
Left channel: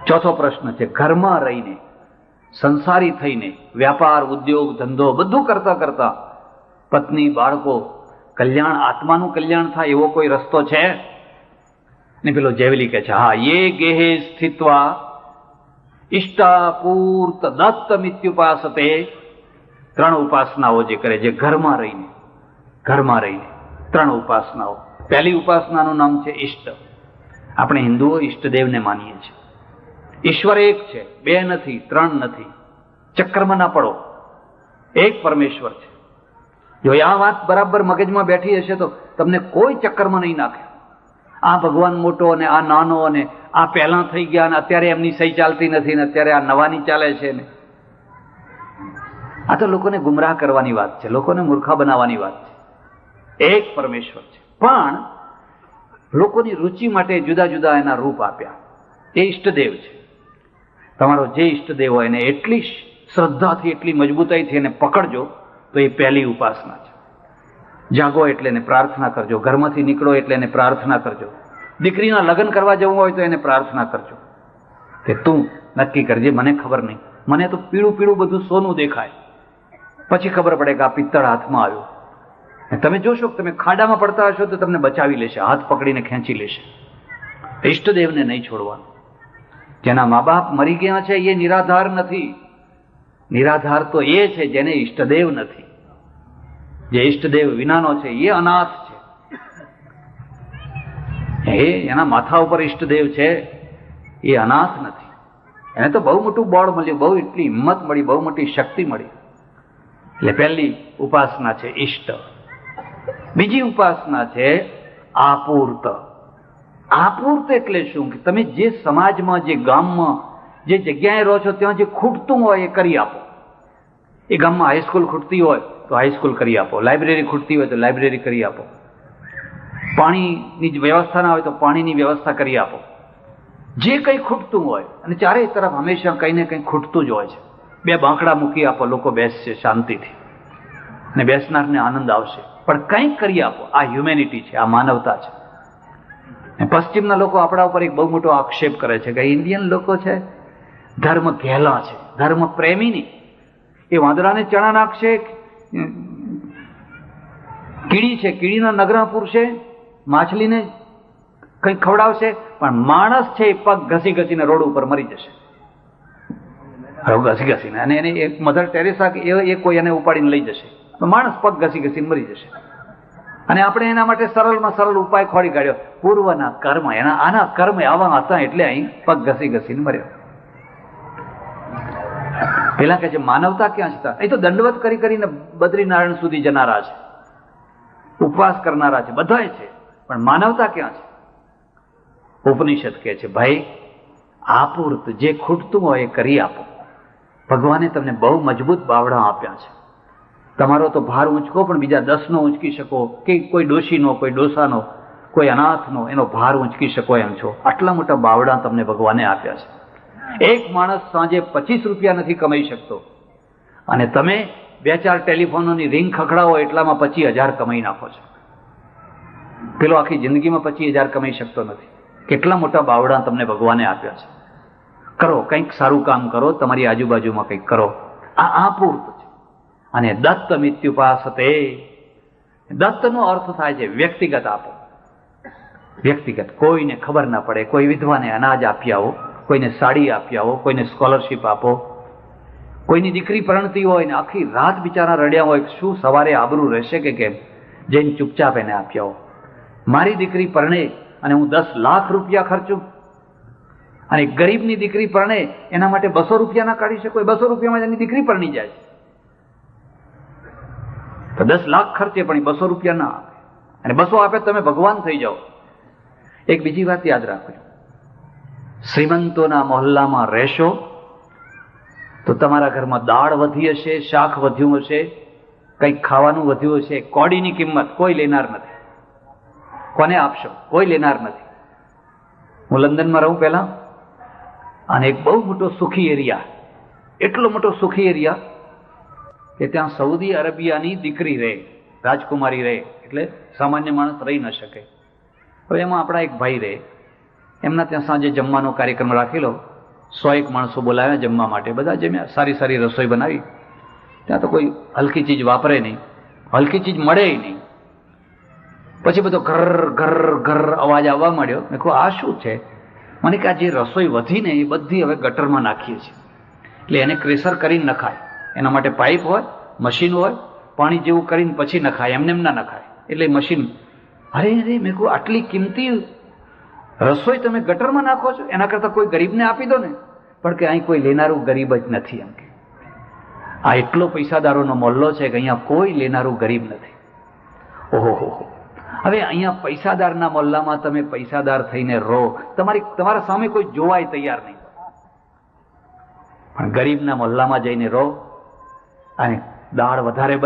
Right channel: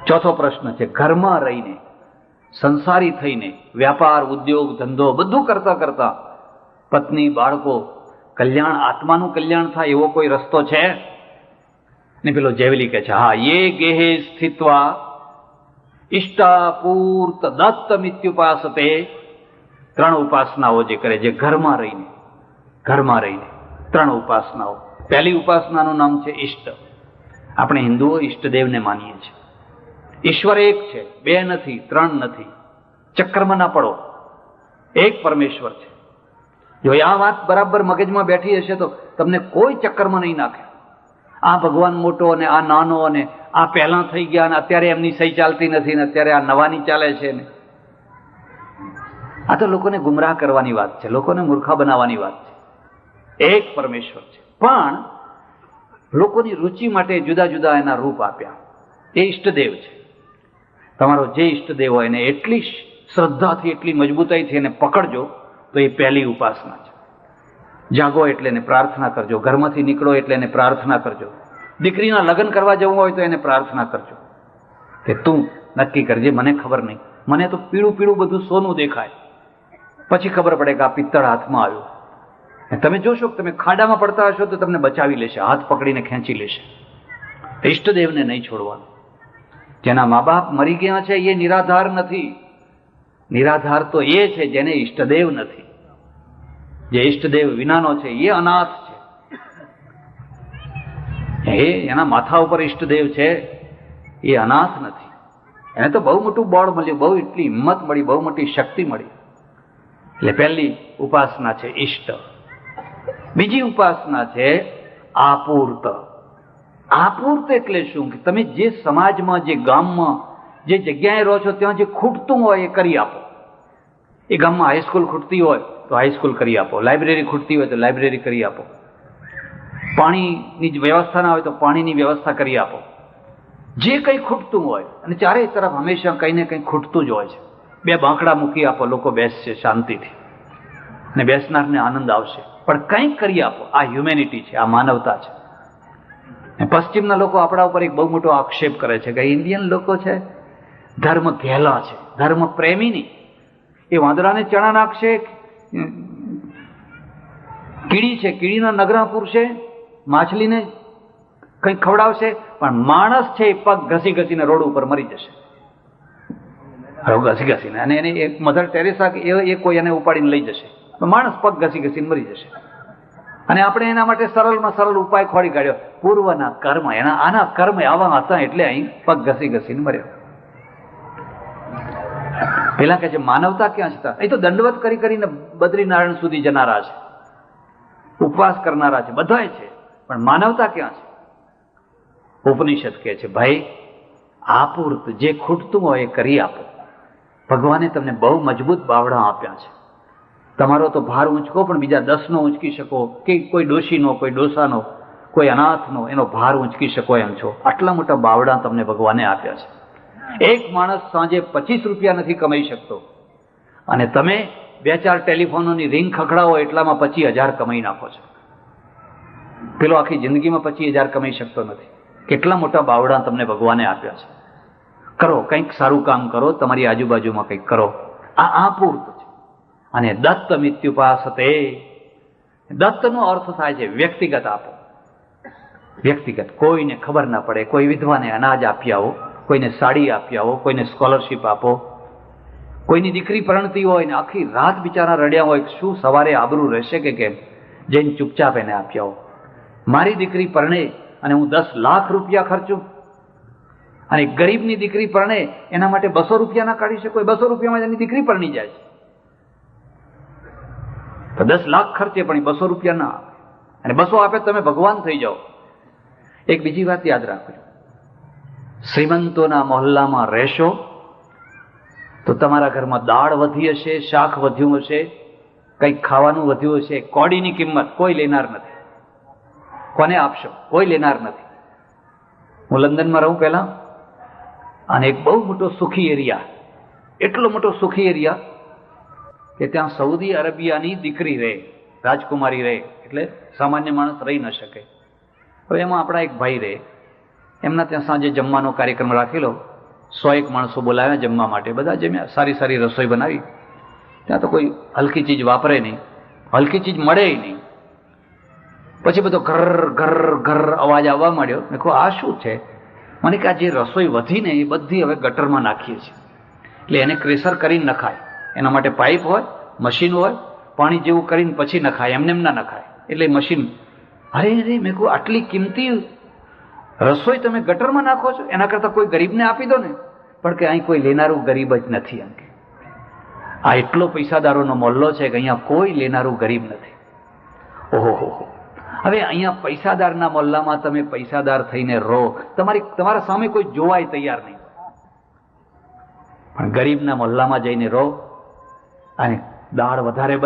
ચોથો પ્રશ્ન છે, ઘરમાં રહીને સંસારી થઈને વ્યાપાર, ઉદ્યોગ, ધંધો બધું કરતા કરતા પત્ની, બાળકો, કલ્યાણ, આત્માનું કલ્યાણ થાય એવો કોઈ રસ્તો છે? ને પેલો જેવલી કહે છે, હા, યે ગેહે સ્થિત્વા ઇષ્ટાપૂર્ત દત્ત મિત્યુપાસતે. ત્રણ ઉપાસનાઓ જે કરે, જે ઘરમાં રહીને ત્રણ ઉપાસનાઓ. પહેલી ઉપાસનાનું નામ છે ઈષ્ટ. આપણે હિન્દુઓ ઈષ્ટદેવને માનીએ છીએ. ઈશ્વર એક છે, બે નથી, ત્રણ નથી. ચક્રમાં ના પડો, એક પરમેશ્વર છે. જો આ વાત બરાબર મગજમાં બેઠી હશે તો તમને કોઈ ચક્કરમાં નહીં નાખે. આ ભગવાન મોટો અને આ નાનો અને આ પહેલા થઈ ગયા અને અત્યારે એમની સહી ચાલતી નથી ને અત્યારે આ નવાની ચાલે છે ને. આ તો લોકોને ગુમરાહ કરવાની વાત છે, લોકોને મૂર્ખા બનાવવાની વાત છે. એક પરમેશ્વર છે, પણ લોકોની રુચિ માટે જુદા જુદા એના રૂપ આપ્યા. એ ઈષ્ટદેવ છે. તમારો જે ઈષ્ટદેવ હોય એને એટલી શ્રદ્ધાથી, એટલી મજબૂતાઈથી એને પકડજો તો એ પહેલી ઉપાસના છે. જાગો એટલે એને પ્રાર્થના કરજો, ઘરમાંથી નીકળો એટલે એને પ્રાર્થના કરજો, દીકરીના લગ્ન કરવા જવું હોય તો એને પ્રાર્થના કરજો કે તું નક્કી કરજે, મને ખબર નહીં, મને તો પીળું પીળું બધું સોનું દેખાય, પછી ખબર પડે કે આ પિત્તળ હાથમાં આવ્યું. તમે જોશો કે તમે ખાડામાં પડતા હશો તો તમને બચાવી લેશે, હાથ પકડીને ખેંચી લેશે. ઈષ્ટદેવને નહીં છોડવાનું. જેના મા બાપ મરી ગયા છે એ નિરાધાર નથી. નિરાધાર તો એ છે જેને ઈષ્ટદેવ નથી. જે ઈષ્ટદેવ વિનાનો છે એ અનાથ છે. એના માથા ઉપર ઈષ્ટદેવ છે એ અનાથ નથી. એને તો બહુ મોટું બળ મળ્યું, બહુ એટલી હિંમત મળી, બહુ મોટી શક્તિ મળી. એટલે પહેલી ઉપાસના છે ઈષ્ટ. બીજી ઉપાસના છે આપૂર્ત. આપૂર્ત એટલે શું? કે તમે જે સમાજમાં, જે ગામમાં, જે જગ્યાએ રહો છો ત્યાં જે ખૂટતું હોય એ કરી આપો. એ ગામમાં હાઈસ્કૂલ ખૂટતી હોય તો હાઈસ્કૂલ કરી આપો, લાઇબ્રેરી ખૂટતી હોય તો લાઇબ્રેરી કરી આપો, પાણીની વ્યવસ્થા ના હોય તો પાણીની વ્યવસ્થા કરી આપો. જે કંઈ ખૂટતું હોય, અને ચારે તરફ હંમેશા કંઈ ને કંઈ ખૂટતું જ હોય છે. બે બાંકડા મૂકી આપો, લોકો બેસશે શાંતિથી અને બેસનારને આનંદ આવશે, પણ કંઈક કરી આપો. આ હ્યુમેનિટી છે, આ માનવતા છે. પશ્ચિમના લોકો આપણા ઉપર એક બહુ મોટો આક્ષેપ કરે છે કે ઇન્ડિયન લોકો છે ધર્મ ઘેલા છે, ધર્મ પ્રેમી નહીં. એ વાંદરાને ચણા નાખશે, કીડી છે કીડીના નગરા પૂરશે, માછલીને કંઈક ખવડાવશે, પણ માણસ છે એ પગ ઘસી ઘસીને રોડ ઉપર મરી જશે. ઘસી ઘસીને, અને એને એક મધર ટેરેસા એ કોઈ એને ઉપાડીને લઈ જશે, માણસ પગ ઘસી ઘસીને મરી જશે. અને આપણે એના માટે સરળમાં સરળ ઉપાય ખોડી કાઢ્યો, પૂર્વના કર્મ. આના કર્મ આવા હતા એટલે અહીં પગ ઘસી ઘસીને મર્યો. પેલા કહે છે માનવતા ક્યાં છે? એ તો દંડવત કરી કરીને બદ્રીનારાયણ સુધી જનારા છે, ઉપવાસ કરનારા છે, બધા છે, પણ માનવતા ક્યાં છે? ઉપનિષદ કહે છે ભાઈ આપૂર્ત, જે ખૂટતું હોય એ કરી આપો. ભગવાને તમને બહુ મજબૂત બાવડા આપ્યા છે. તમારો તો ભાર ઊંચકો, પણ બીજા 10નો ઊંચકી શકો, કે કોઈ ડોશીનો, કોઈ ડોસાનો, કોઈ અનાથનો એનો ભાર ઊંચકી શકો એમ છો. આટલા મોટા બાવડા તમને ભગવાને આપ્યા છે. એક માણસ સાંજે 25 રૂપિયા નથી કમાઈ શકતો, અને તમે 2-4 ટેલિફોનોની રિંગ ખખડાવો એટલામાં 25,000 કમાઈ નાખો છો. પેલો આખી જિંદગીમાં 25,000 કમાઈ શકતો નથી. કેટલા મોટા બાવડા તમને ભગવાને આપ્યા છે. કરો, કંઈક સારું કામ કરો, તમારી આજુબાજુમાં કંઈક કરો. આ આપૂર્ત છે. અને દત્ત મિત્યુપાસતે, દત્તનો અર્થ થાય છે વ્યક્તિગત આપો. વ્યક્તિગત, કોઈને ખબર ના પડે, કોઈ વિધવાને અનાજ આપી આવો, કોઈને સાડી આપી આવો, કોઈને સ્કોલરશીપ આપો, કોઈની દીકરી પરણતી હોય ને આખી રાત બિચારા રડ્યા હોય, શું સવારે આબરૂ રહેશે કે કેમ? જઈને ચૂપચાપ એને આપી આવો. મારી દીકરી પરણે અને હું 10 લાખ રૂપિયા ખર્ચું, અને ગરીબની દીકરી પરણે એના માટે 200 રૂપિયા ના કાઢી શકો? 200 રૂપિયામાં એની દીકરી પરણી જાય તો 10 લાખ ખર્ચે પણ 200 રૂપિયા ના, અને 200 આપે તમે ભગવાન થઈ જાઓ. એક બીજી વાત યાદ રાખો, શ્રીમંતોના મહોલ્લામાં રહેશો તો તમારા ઘરમાં દાળ વધી હશે, શાક વધ્યું હશે, કંઈક ખાવાનું વધ્યું હશે, કોડીની કિંમત કોઈ લેનાર નથી. કોને આપશો? કોઈ લેનાર નથી. હું લંડનમાં રહું પહેલા, અને એક બહુ મોટો સુખી એરિયા, એટલો મોટો સુખી એરિયા કે ત્યાં સઉદી અરેબિયાની દીકરી રહે, રાજકુમારી રહે, એટલે સામાન્ય માણસ રહી ન શકે. હવે એમાં આપણા એક ભાઈ રહે, એમના ત્યાં સાંજે જમવાનો કાર્યક્રમ રાખેલો, 100 માણસો બોલાવ્યા જમવા માટે, બધા જમ્યા, સારી સારી રસોઈ બનાવી. ત્યાં તો કોઈ હલકી ચીજ વાપરે નહીં, હલકી ચીજ મળે નહીં. પછી બધો ઘર ઘર ઘર અવાજ આવવા માંડ્યો. મેં કહું આ શું છે? મને કે આ જે રસોઈ વધી ને એ બધી હવે ગટરમાં નાખીએ છીએ, એટલે એને ક્રેશર કરીને નખાય. એના માટે પાઇપ હોય, મશીન હોય, પાણી જેવું કરીને પછી નખાય, એમને એમ ના નખાય. એટલે મશીન. અરે અરે, મેં કહું આટલી કિંમતી રસોઈ તમે ગટરમાં નાખો છો? એના કરતાં કોઈ ગરીબને આપી દો ને. પણ કે અહીં કોઈ લેનારું ગરીબ જ નથી. આ એટલો પૈસાદારોનો મોહલ્લો છે કે અહીંયા કોઈ લેનારું ગરીબ નથી. ઓહો, હવે અહીંયા પૈસાદારના મોહલ્લામાં તમે પૈસાદાર થઈને રહો, તમારા સામે કોઈ જોવાય તૈયાર નહીં. પણ ગરીબના મોહલ્લામાં જઈને રહો, અને દાળ વધારે